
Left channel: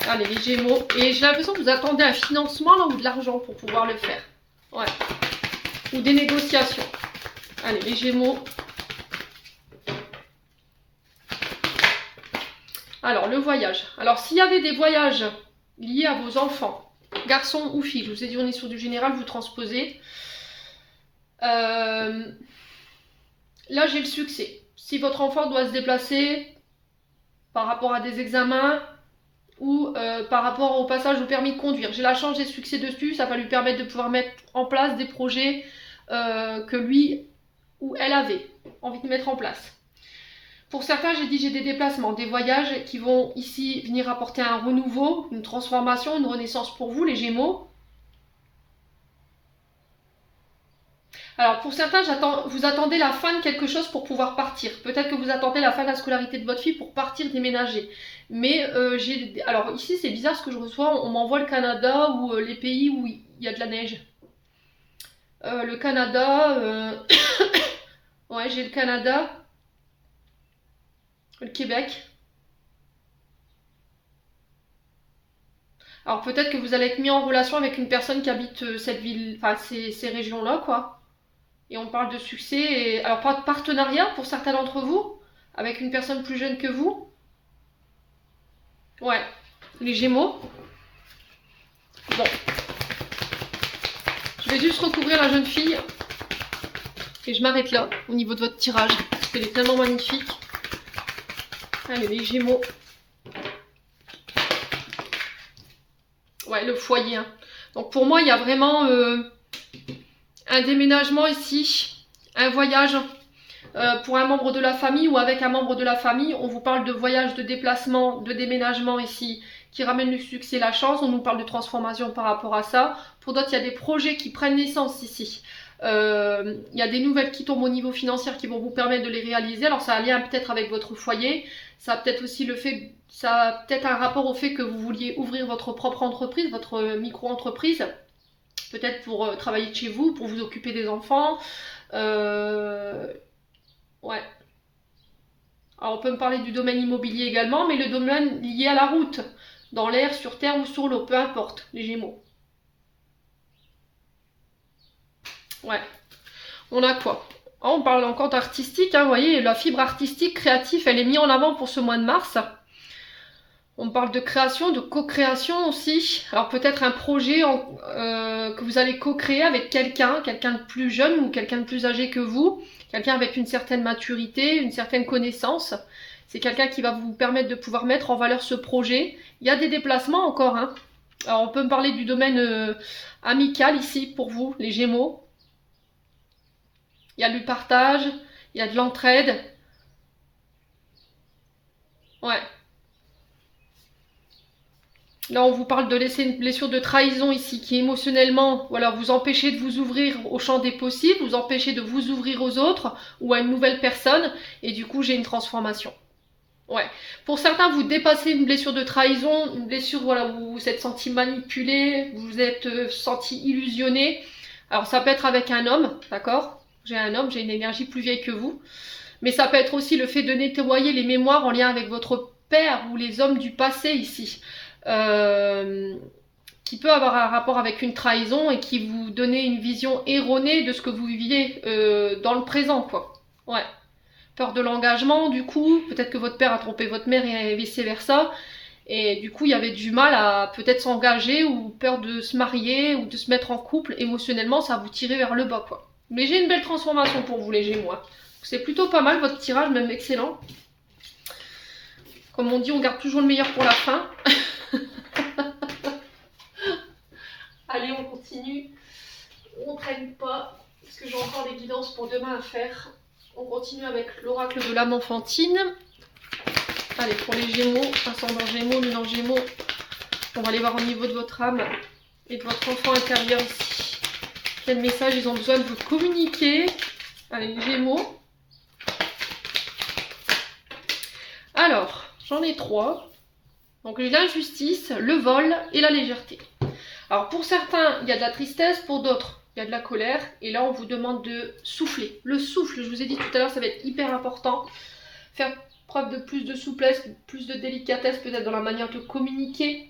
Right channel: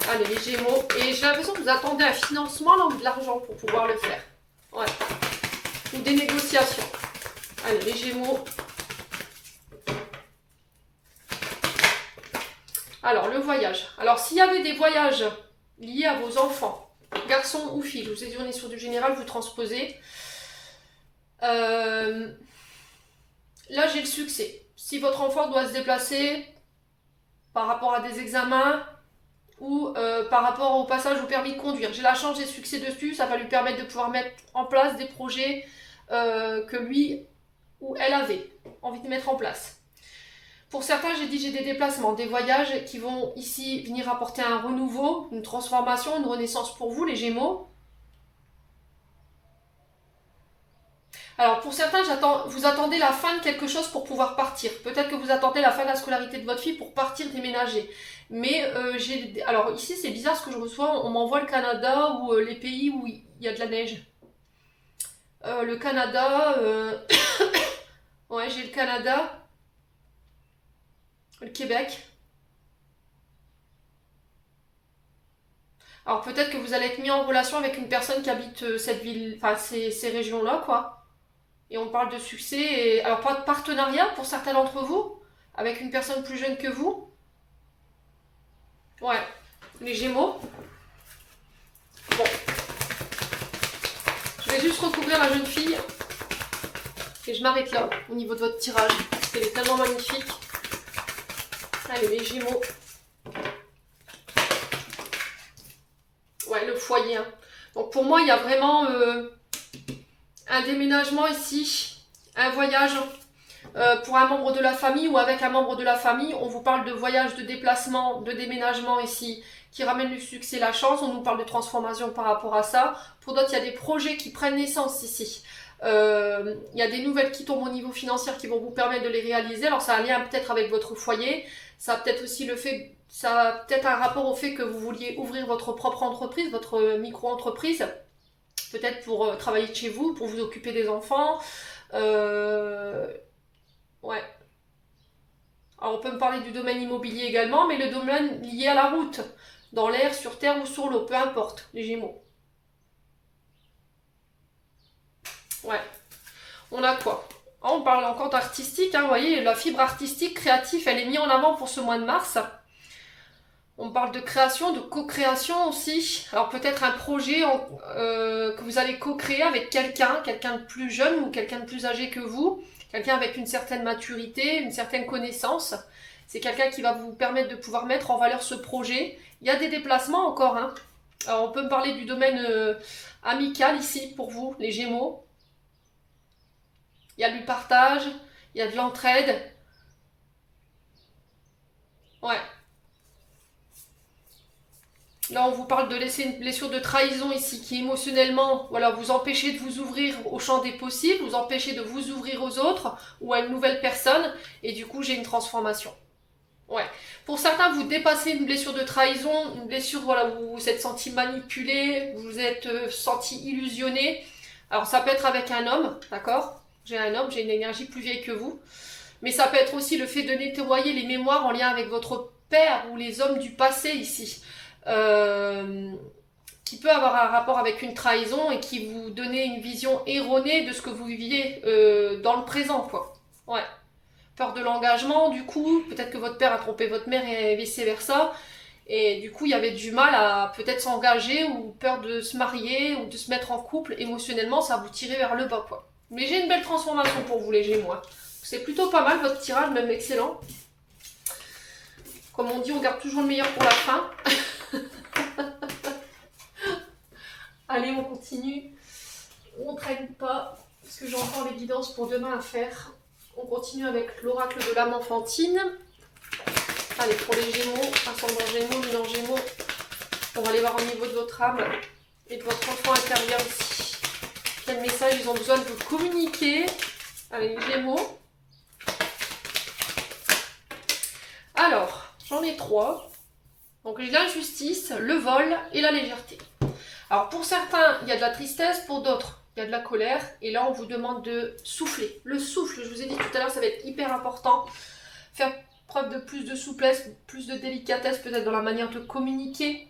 Allez, les Gémeaux. Et j'ai l'impression que vous attendez un financement là, ou de l'argent pour pouvoir le faire. Ouais. Ou des négociations. Allez, les Gémeaux. Alors, le voyage. Alors, s'il y avait des voyages liés à vos enfants, garçons ou filles, je vous ai dit on est sur du général, vous transposez. Là, j'ai le succès. Si votre enfant doit se déplacer par rapport à des examens ou par rapport au passage au permis de conduire, j'ai la chance, j'ai succès dessus, ça va lui permettre de pouvoir mettre en place des projets que lui ou elle avait envie de mettre en place. Pour certains, j'ai dit j'ai des déplacements, des voyages qui vont ici venir apporter un renouveau, une transformation, une renaissance pour vous, les Gémeaux. Alors pour certains, vous attendez la fin de quelque chose pour pouvoir partir. Peut-être que vous attendez la fin de la scolarité de votre fille pour partir déménager. Mais alors ici c'est bizarre ce que je reçois, on m'envoie le Canada ou les pays où il y a de la neige. Le Canada, ouais j'ai le Canada, le Québec. Alors peut-être que vous allez être mis en relation avec une personne qui habite cette ville, enfin ces régions-là, quoi. Et on parle de succès, et alors pas de partenariat pour certains d'entre vous, avec une personne plus jeune que vous. Ouais, les Gémeaux. Bon. Je vais juste recouvrir la jeune fille. Et je m'arrête là, au niveau de votre tirage, parce qu'elle est tellement magnifique. Allez, les Gémeaux. Ouais, le foyer. Hein. Donc pour moi, il y a vraiment un déménagement ici, un voyage pour un membre de la famille ou avec un membre de la famille. On vous parle de voyage, de déplacement, de déménagement ici, qui ramène le succès, la chance. On nous parle de transformation par rapport à ça. Pour d'autres, il y a des projets qui prennent naissance ici. Il y a des nouvelles qui tombent au niveau financier qui vont vous permettre de les réaliser. Alors ça a un lien peut-être avec votre foyer. Ça a peut-être aussi ça a peut-être un rapport au fait que vous vouliez ouvrir votre propre entreprise, votre micro-entreprise. Peut-être pour travailler de chez vous, pour vous occuper des enfants. Ouais. Alors on peut me parler du domaine immobilier également, mais le domaine lié à la route, dans l'air, sur terre ou sur l'eau, peu importe, les Gémeaux. Ouais. On a quoi? Oh, on parle encore d'artistique, hein, vous voyez, la fibre artistique, créative, elle est mise en avant pour ce mois de mars. On parle de création, de co-création aussi. Alors peut-être un projet que vous allez co-créer avec quelqu'un de plus jeune ou quelqu'un de plus âgé que vous, quelqu'un avec une certaine maturité, une certaine connaissance. C'est quelqu'un qui va vous permettre de pouvoir mettre en valeur ce projet. Il y a des déplacements encore. Hein. Alors on peut me parler du domaine amical ici pour vous, les Gémeaux. Il y a du partage, il y a de l'entraide. Ouais. Là, on vous parle de laisser une blessure de trahison ici qui émotionnellement, voilà, vous empêchez de vous ouvrir au champ des possibles, vous empêchez de vous ouvrir aux autres ou à une nouvelle personne et du coup, j'ai une transformation. Ouais. Pour certains, vous dépassez une blessure de trahison, une blessure voilà, où vous vous êtes senti manipulé, vous vous êtes senti illusionné. Alors, ça peut être avec un homme, d'accord? J'ai un homme, j'ai une énergie plus vieille que vous. Mais ça peut être aussi le fait de nettoyer les mémoires en lien avec votre père ou les hommes du passé ici. Qui peut avoir un rapport avec une trahison et qui vous donnait une vision erronée de ce que vous viviez dans le présent, quoi. Ouais. Peur de l'engagement, du coup, peut-être que votre père a trompé votre mère et vice-versa. Et du coup, il y avait du mal à peut-être s'engager ou peur de se marier ou de se mettre en couple. Émotionnellement, ça vous tirait vers le bas, quoi. Mais j'ai une belle transformation pour vous, les Gémeaux. C'est plutôt pas mal, votre tirage, même excellent. Comme on dit, on garde toujours le meilleur pour la fin. Allez, on continue. On ne traîne pas, parce que j'ai encore les guidances pour demain à faire. On continue avec l'oracle de l'âme enfantine. Allez, pour les Gémeaux, ascendant Gémeaux, lunan Gémeaux, on va aller voir au niveau de votre âme et de votre enfant intérieur ici. Quel message ils ont besoin de vous communiquer? Allez, les Gémeaux. J'en ai 3. Donc j'ai l'injustice, le vol et la légèreté. Alors pour certains, il y a de la tristesse, pour d'autres, il y a de la colère. Et là, on vous demande de souffler. Le souffle, je vous ai dit tout à l'heure, ça va être hyper important. Faire preuve de plus de souplesse, plus de délicatesse peut-être dans la manière de communiquer.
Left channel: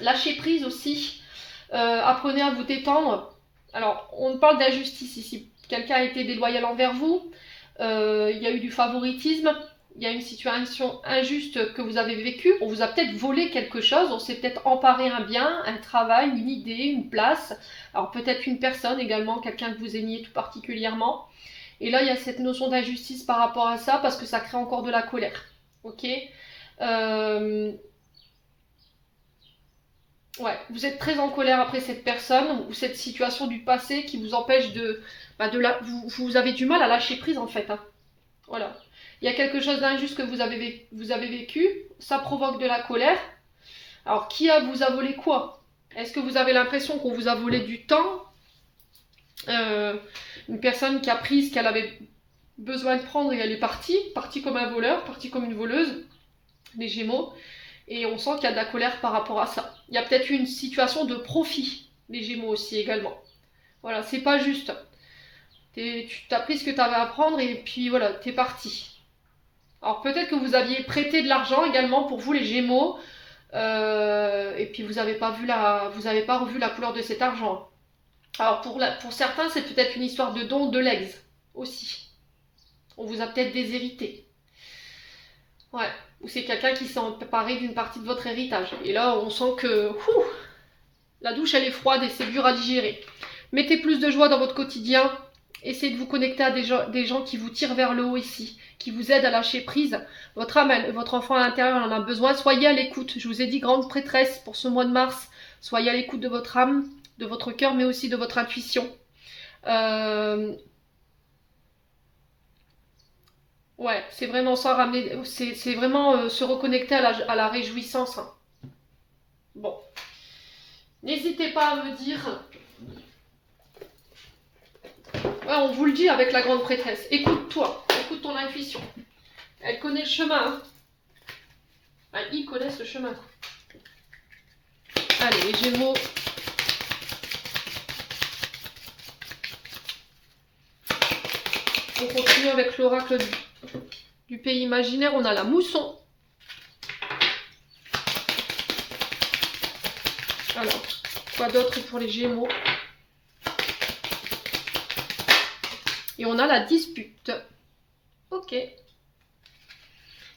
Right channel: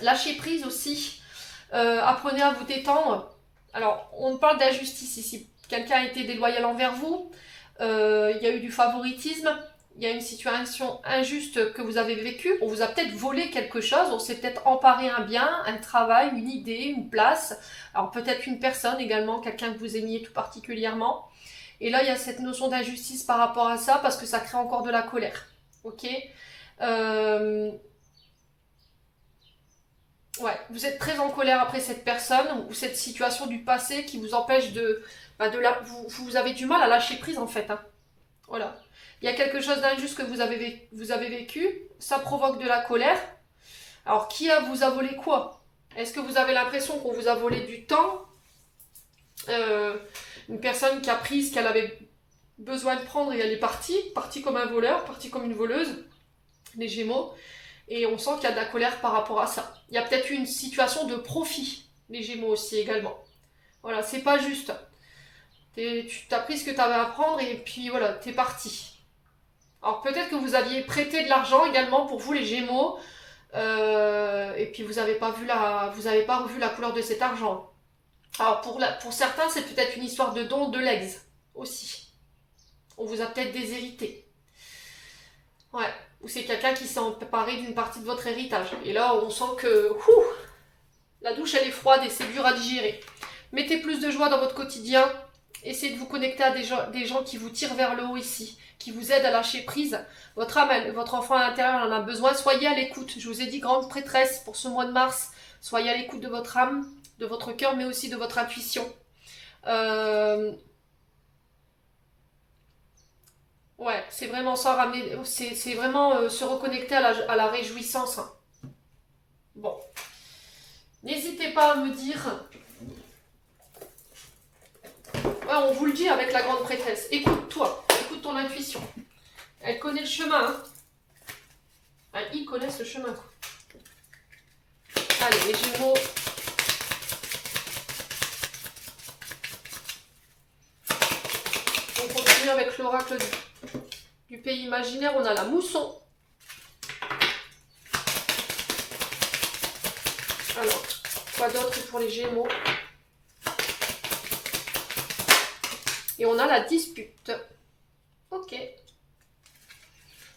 Lâcher prise aussi. Apprenez à vous détendre. Alors, on parle d'injustice ici. Quelqu'un a été déloyal envers vous. Il y a eu du favoritisme. Il y a une situation injuste que vous avez vécue. On vous a peut-être volé quelque chose. On s'est peut-être emparé un bien, un travail, une idée, une place. Alors peut-être une personne également, quelqu'un que vous aimiez tout particulièrement. Et là, il y a cette notion d'injustice par rapport à ça parce que ça crée encore de la colère. Ok. Ouais, vous êtes très en colère après cette personne ou cette situation du passé qui vous empêche vous avez du mal à lâcher prise en fait. Hein. Voilà. Il y a quelque chose d'injuste que vous avez vécu, ça provoque de la colère. Alors, vous a volé quoi? Est-ce que vous avez l'impression qu'on vous a volé du temps? Une personne qui a pris ce qu'elle avait besoin de prendre et elle est partie comme un voleur, partie comme une voleuse, les Gémeaux. Et on sent qu'il y a de la colère par rapport à ça. Il y a peut-être une situation de profit, les Gémeaux aussi également. Voilà, c'est pas juste. Tu as pris ce que tu avais à prendre et puis voilà, t'es parti. Alors peut-être que vous aviez prêté de l'argent également pour vous les Gémeaux, et puis vous n'avez pas revu la couleur de cet argent. Alors pour certains, c'est peut-être une histoire de don de legs aussi. On vous a peut-être déshérité. Ouais. Ou c'est quelqu'un qui s'est emparé d'une partie de votre héritage. Et là, on sent que la douche, elle est froide et c'est dur à digérer. Mettez plus de joie dans votre quotidien. Essayez de vous connecter à des gens qui vous tirent vers le haut ici, qui vous aident à lâcher prise. Votre âme, votre enfant à l'intérieur en a besoin. Soyez à l'écoute. Je vous ai dit grande prêtresse pour ce mois de mars. Soyez à l'écoute de votre âme, de votre cœur, mais aussi de votre intuition. Ouais, c'est vraiment ça, c'est vraiment se reconnecter à la réjouissance. Hein. Bon, n'hésitez pas à me dire. Ouais, on vous le dit avec la grande prêtresse. Écoute-toi, écoute ton intuition. Elle connaît le chemin. Hein. Ah, ils connaissent le chemin. Allez, les Gémeaux. On continue avec l'oracle du pays imaginaire. On a la mousson. Alors, quoi d'autre pour les Gémeaux? Et on a la dispute. Ok.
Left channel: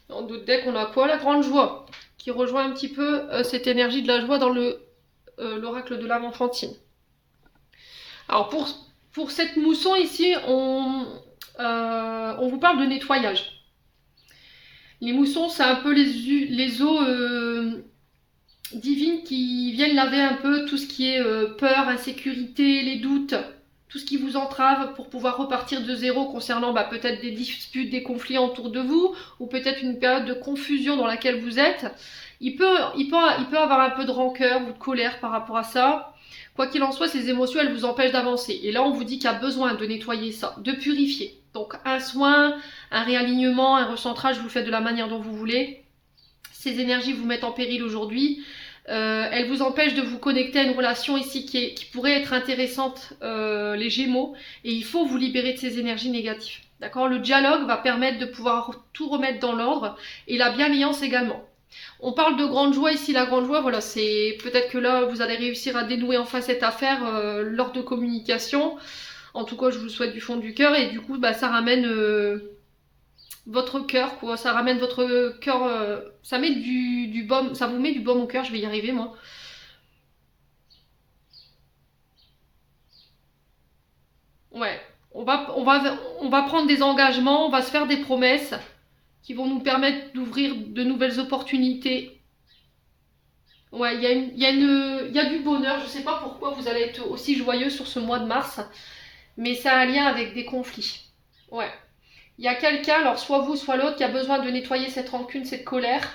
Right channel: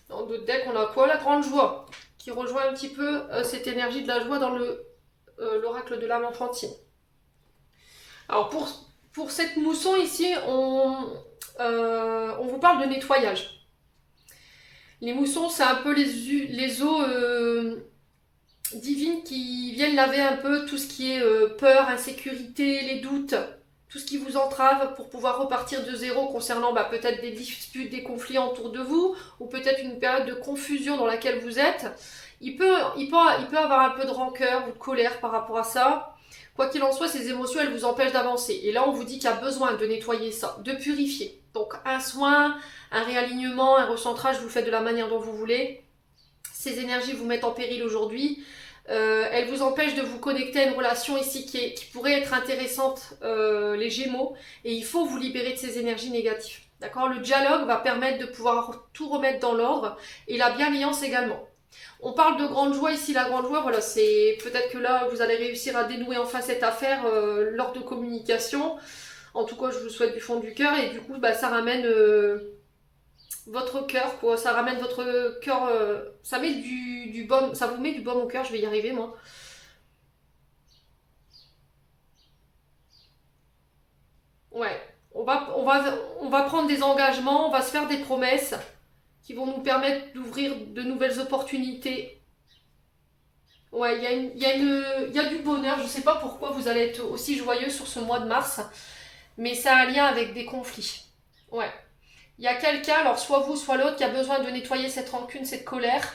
Dans d'autres decks, on a quoi? La grande joie, qui rejoint un petit peu cette énergie de la joie dans l'oracle de l'âme enfantine. Alors pour cette mousson ici, on vous parle de nettoyage. Les moussons, c'est un peu les eaux divines qui viennent laver un peu tout ce qui est peur, insécurité, les doutes, tout ce qui vous entrave pour pouvoir repartir de zéro concernant peut-être des disputes, des conflits autour de vous, ou peut-être une période de confusion dans laquelle vous êtes. Il peut avoir un peu de rancœur ou de colère par rapport à ça. Quoi qu'il en soit, ces émotions, elles vous empêchent d'avancer. Et là, on vous dit qu'il y a besoin de nettoyer ça, de purifier. Donc un soin, un réalignement, un recentrage, vous le faites de la manière dont vous voulez. Ces énergies vous mettent en péril aujourd'hui. Elles vous empêchent de vous connecter à une relation ici qui pourrait être intéressante, les Gémeaux. Et il faut vous libérer de ces énergies négatives. D'accord? Le dialogue va permettre de pouvoir tout remettre dans l'ordre. Et la bienveillance également. On parle de grande joie ici, la grande joie, voilà, c'est peut-être que là vous allez réussir à dénouer enfin cette affaire lors de communication. En tout cas, je vous le souhaite du fond du cœur et du coup, ça ramène votre cœur, quoi. Ça ramène votre cœur, ça met du baume, ça vous met du baume au cœur. Je vais y arriver, moi. Ouais, on va prendre des engagements, on va se faire des promesses qui vont nous permettre d'ouvrir de nouvelles opportunités. Ouais, il y a du bonheur. Je ne sais pas pourquoi vous allez être aussi joyeux sur ce mois de mars, mais ça a un lien avec des conflits. Ouais. Il y a quelqu'un, alors soit vous, soit l'autre, qui a besoin de nettoyer cette rancune, cette colère,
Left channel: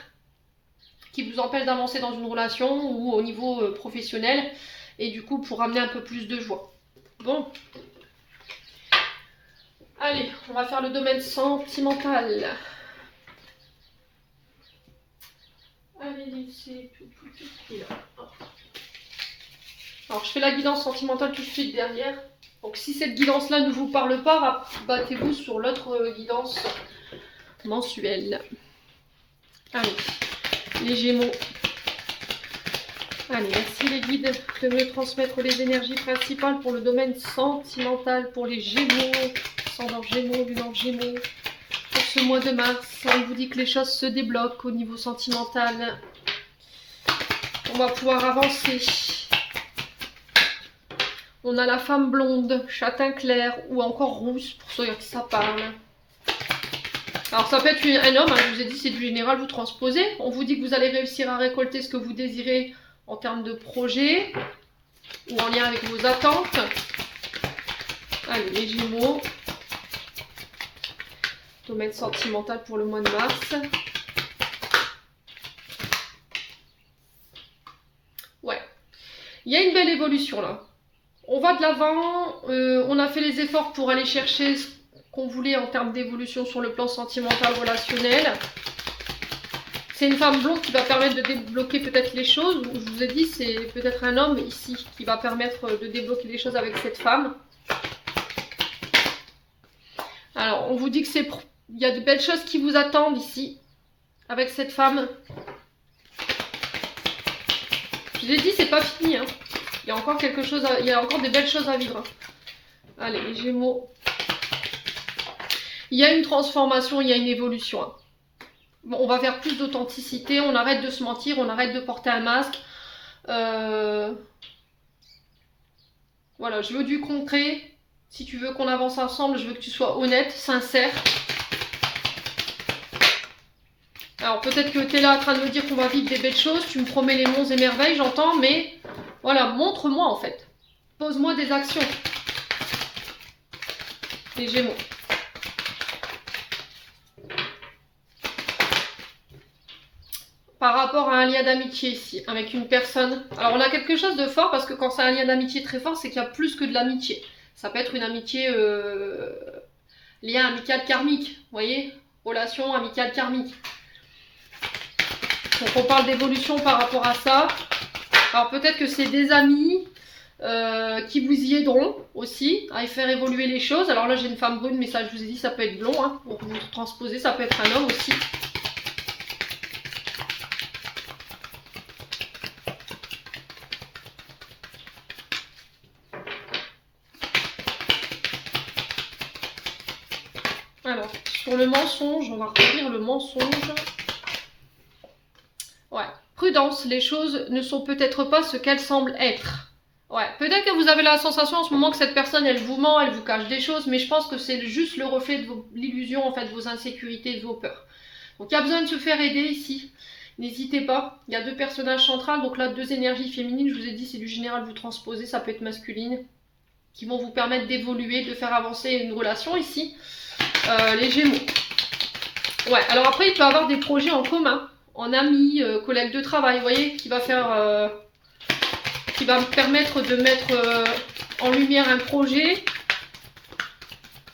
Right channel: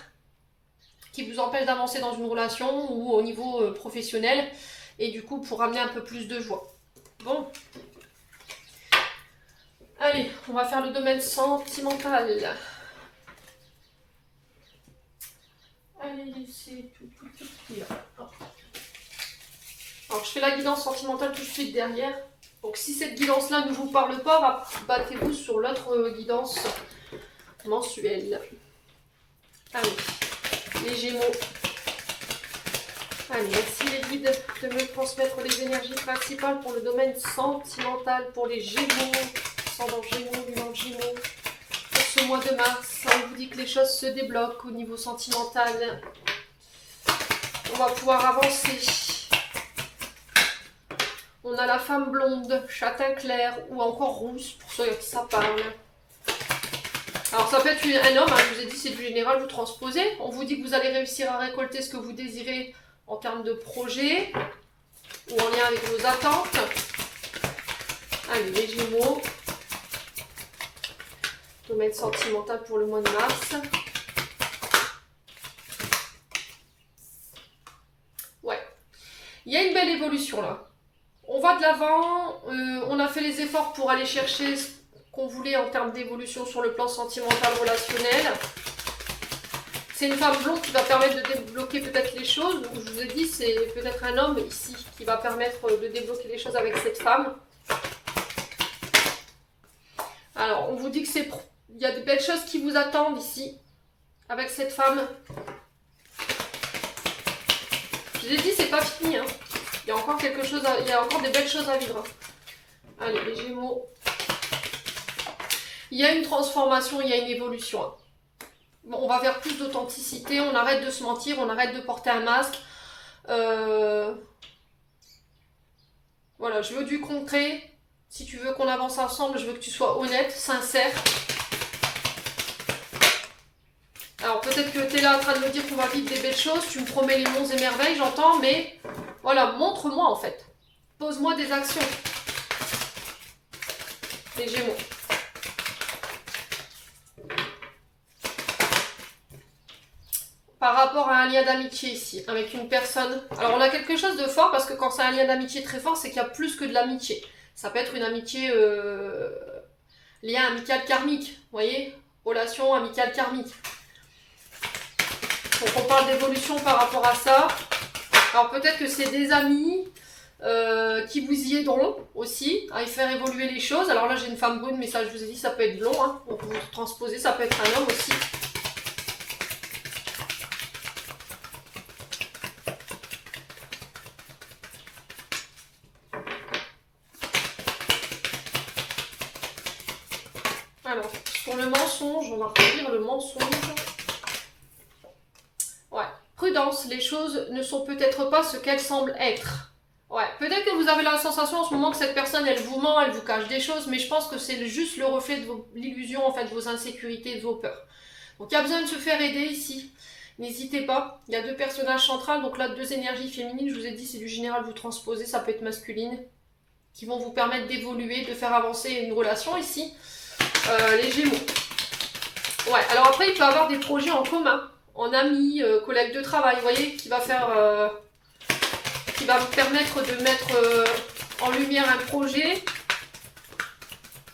qui vous empêche d'avancer dans une relation ou au niveau professionnel, et du coup pour amener un peu plus de joie. Bon. Allez, on va faire le domaine sentimental. Allez, laissez tout de suite là. Alors, je fais la guidance sentimentale tout de suite derrière. Donc, si cette guidance-là ne vous parle pas, battez-vous sur l'autre guidance mensuelle. Allez, les Gémeaux. Allez, merci les guides de me transmettre les énergies principales pour le domaine sentimental, pour les Gémeaux, ascendant Gémeaux, lunan Gémeaux. Pour ce mois de mars, on vous dit que les choses se débloquent au niveau sentimental. On va pouvoir avancer. On a la femme blonde, châtain clair ou encore rousse pour ceux à qui ça parle. Alors ça peut être un homme, je vous ai dit c'est du général, vous transposez. On vous dit que vous allez réussir à récolter ce que vous désirez en termes de projet ou en lien avec vos attentes. Allez, les Gémeaux. Domaine sentimental pour le mois de mars. Ouais. Il y a une belle évolution là. On va de l'avant. On a fait les efforts pour aller chercher ce qu'on voulait en termes d'évolution sur le plan sentimental relationnel. C'est une femme blonde qui va permettre de débloquer peut-être les choses. Je vous ai dit, c'est peut-être un homme ici qui va permettre de débloquer les choses avec cette femme. Alors, on vous dit que il y a de belles choses qui vous attendent ici, avec cette femme. Je vous ai dit, c'est pas fini. Hein. Il y a encore quelque chose, il y a encore des belles choses à vivre. Allez, les Gémeaux. Il y a une transformation, il y a une évolution. Hein. Bon, on va vers plus d'authenticité, on arrête de se mentir, on arrête de porter un masque. Voilà, je veux du concret. Si tu veux qu'on avance ensemble, je veux que tu sois honnête, sincère. Alors peut-être que tu es là en train de me dire qu'on va vivre des belles choses, tu me promets les monts et merveilles, j'entends, mais voilà, montre-moi en fait. Pose-moi des actions. Les Gémeaux. Par rapport à un lien d'amitié ici, avec une personne. Alors on a quelque chose de fort parce que quand c'est un lien d'amitié très fort, c'est qu'il y a plus que de l'amitié. Ça peut être une amitié, lien amical karmique, vous voyez, relation amicale karmique. Donc on parle d'évolution par rapport à ça. Alors peut-être que c'est des amis qui vous y aideront aussi à y faire évoluer les choses. Alors là j'ai une femme brune, mais ça je vous ai dit ça peut être blond, hein. Donc vous transposez, ça peut être un homme aussi. Alors, sur le mensonge, on va relire le mensonge. Ouais, prudence, les choses ne sont peut-être pas ce qu'elles semblent être. Ouais, peut-être que vous avez la sensation en ce moment que cette personne, elle vous ment, elle vous cache des choses, mais je pense que c'est juste le reflet de l'illusion, en fait, de vos insécurités, de vos peurs. Donc, il y a besoin de se faire aider ici. N'hésitez pas. Il y a deux personnages centrales, donc là, deux énergies féminines. Je vous ai dit, c'est du général, vous transposez, ça peut être masculine, qui vont vous permettre d'évoluer, de faire avancer une relation ici. Les Gémeaux. Ouais, alors après, il peut y avoir des projets en commun, en amis, collègues de travail, vous voyez, qui va me permettre de mettre en lumière un projet.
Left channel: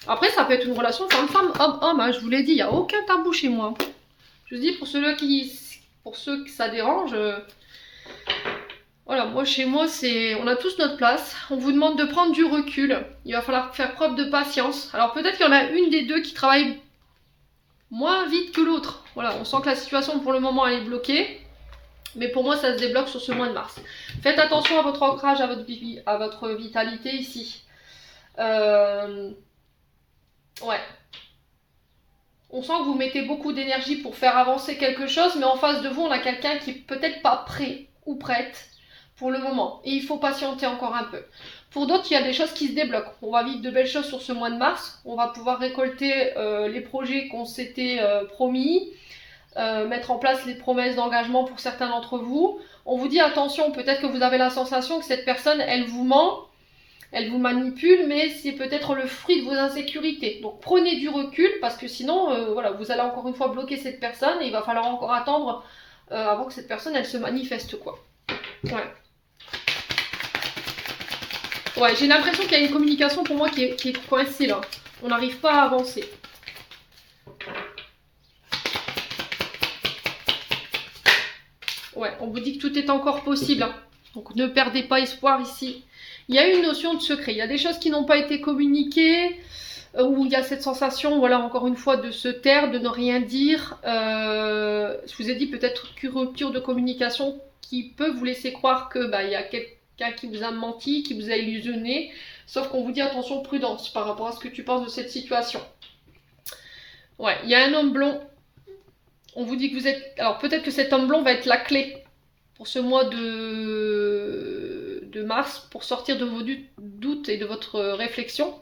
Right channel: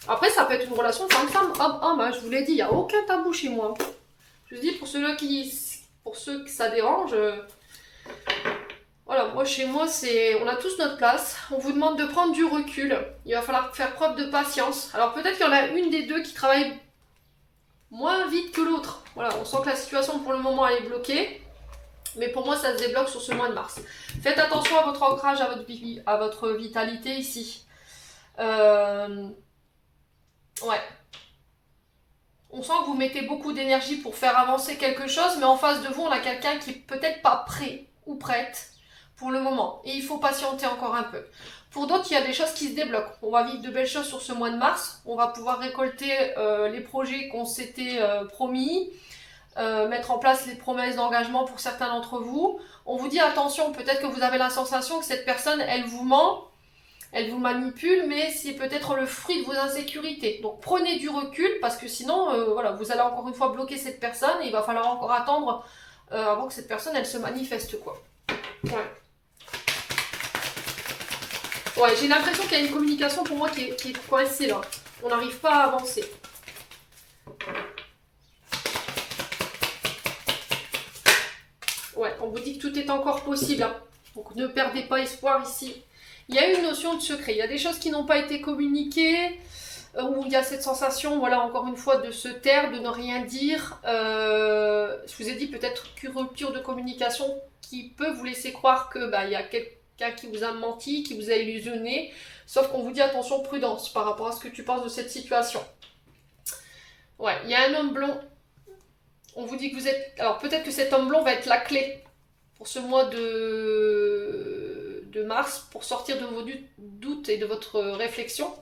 Après, ça peut être une relation femme-femme, homme-homme, hein, je vous l'ai dit, il n'y a aucun tabou chez moi. Je vous dis, pour ceux que ça dérange, voilà, moi chez moi, on a tous notre place. On vous demande de prendre du recul. Il va falloir faire preuve de patience. Alors peut-être qu'il y en a une des deux qui travaille moins vite que l'autre. Voilà, on sent que la situation pour le moment elle est bloquée. Mais pour moi, ça se débloque sur ce mois de mars. Faites attention à votre ancrage, à votre vitalité ici. Ouais. On sent que vous mettez beaucoup d'énergie pour faire avancer quelque chose, mais en face de vous, on a quelqu'un qui est peut-être pas prêt ou prête pour le moment. Et il faut patienter encore un peu. Pour d'autres, il y a des choses qui se débloquent. On va vivre de belles choses sur ce mois de mars. On va pouvoir récolter les projets qu'on s'était promis, mettre en place les promesses d'engagement pour certains d'entre vous. On vous dit attention, peut-être que vous avez la sensation que cette personne, elle vous ment, elle vous manipule, mais c'est peut-être le fruit de vos insécurités. Donc prenez du recul, parce que sinon, voilà, vous allez encore une fois bloquer cette personne et il va falloir encore attendre avant que cette personne, elle se manifeste, quoi. Ouais. Ouais, j'ai l'impression qu'il y a une communication pour moi qui est coincée là. On n'arrive pas à avancer. on vous dit que tout est encore possible. Hein. Donc ne perdez pas espoir ici. Il y a une notion de secret. Il y a des choses qui n'ont pas été communiquées, où il y a cette sensation, voilà, encore une fois, de se taire, de ne rien dire. Je vous ai dit peut-être qu'une rupture de communication qui peut vous laisser croire que il y a quelqu'un qui vous a menti, qui vous a illusionné. Sauf qu'on vous dit attention, prudence par rapport à ce que tu penses de cette situation. Ouais, il y a un homme blond. On vous dit que vous êtes... Alors peut-être que cet homme blond va être la clé pour ce mois de mars, pour sortir de vos doutes et de votre réflexion.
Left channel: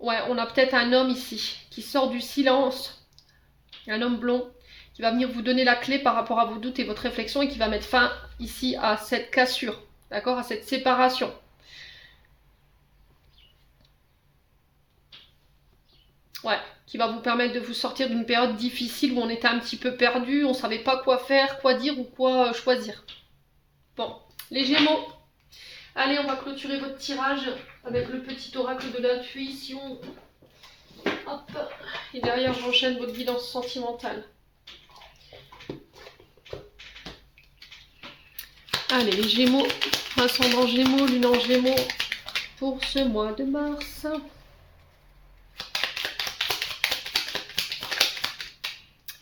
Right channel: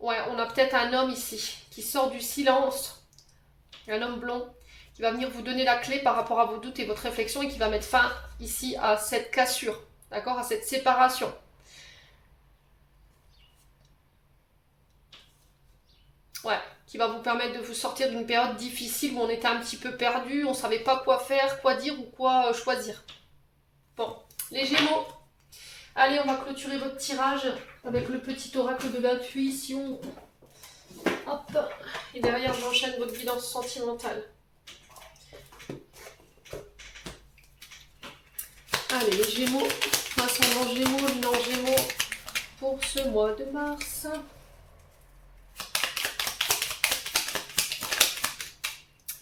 Ouais, on a peut-être un homme ici qui sort du silence. Un homme blond qui va venir vous donner la clé par rapport à vos doutes et votre réflexion et qui va mettre fin ici à cette cassure, d'accord, à cette séparation. Ouais, qui va vous permettre de vous sortir d'une période difficile où on était un petit peu perdu, on ne savait pas quoi faire, quoi dire ou quoi choisir. Bon, les Gémeaux, allez, on va clôturer votre tirage avec le petit oracle de l'intuition. Hop, et derrière j'enchaîne votre guidance sentimentale. Allez, les Gémeaux, ascendant Gémeaux, lune en Gémeaux, pour ce mois de mars.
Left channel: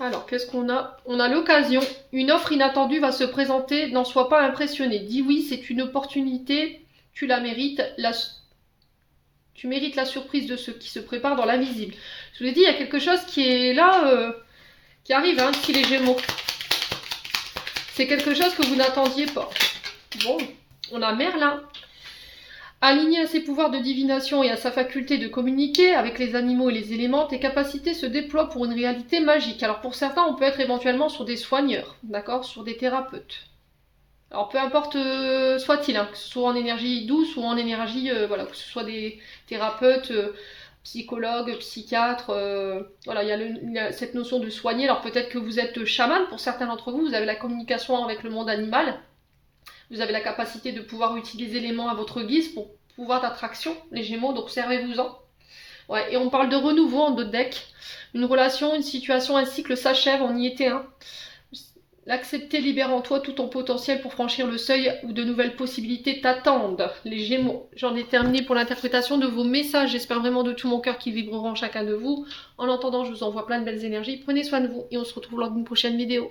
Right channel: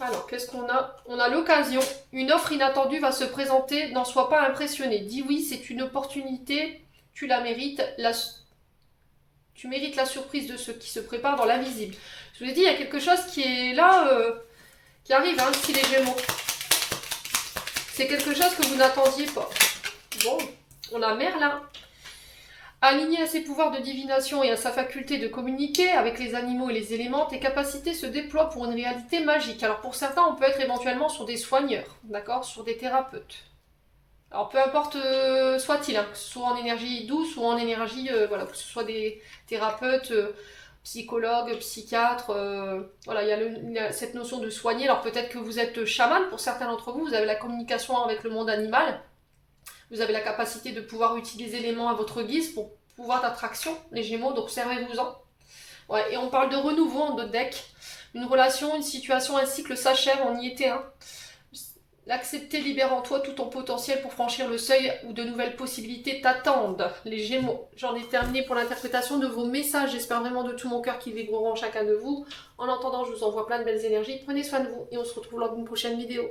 Alors, qu'est-ce qu'on a? On a l'occasion. Une offre inattendue va se présenter, n'en sois pas impressionné. Dis oui, c'est une opportunité, tu la mérites. Tu mérites la surprise de ce qui se prépare dans l'invisible. Je vous l'ai dit, il y a quelque chose qui est là, qui arrive, hein, si les Gémeaux. C'est quelque chose que vous n'attendiez pas. Bon, on a Merlin. Aligné à ses pouvoirs de divination et à sa faculté de communiquer avec les animaux et les éléments, tes capacités se déploient pour une réalité magique. Alors pour certains, on peut être éventuellement sur des soigneurs, d'accord, sur des thérapeutes. Alors peu importe soit-il, hein, que ce soit en énergie douce ou en énergie, voilà, que ce soit des thérapeutes, psychologues, psychiatres, voilà, il y a cette notion de soigner. Alors peut-être que vous êtes chaman, pour certains d'entre vous, vous avez la communication avec le monde animal. Vous avez la capacité de pouvoir utiliser les éléments à votre guise pour pouvoir d'attraction, les Gémeaux, donc servez-vous-en. Ouais, et on parle de renouveau en d'autres decks. Une relation, une situation, un cycle s'achève, on y était un. L'accepter libère en toi tout ton potentiel pour franchir le seuil où de nouvelles possibilités t'attendent. Les Gémeaux, j'en ai terminé pour l'interprétation de vos messages. J'espère vraiment de tout mon cœur qu'ils vibreront chacun de vous. En attendant, je vous envoie plein de belles énergies. Prenez soin de vous et on se retrouve lors d'une prochaine vidéo.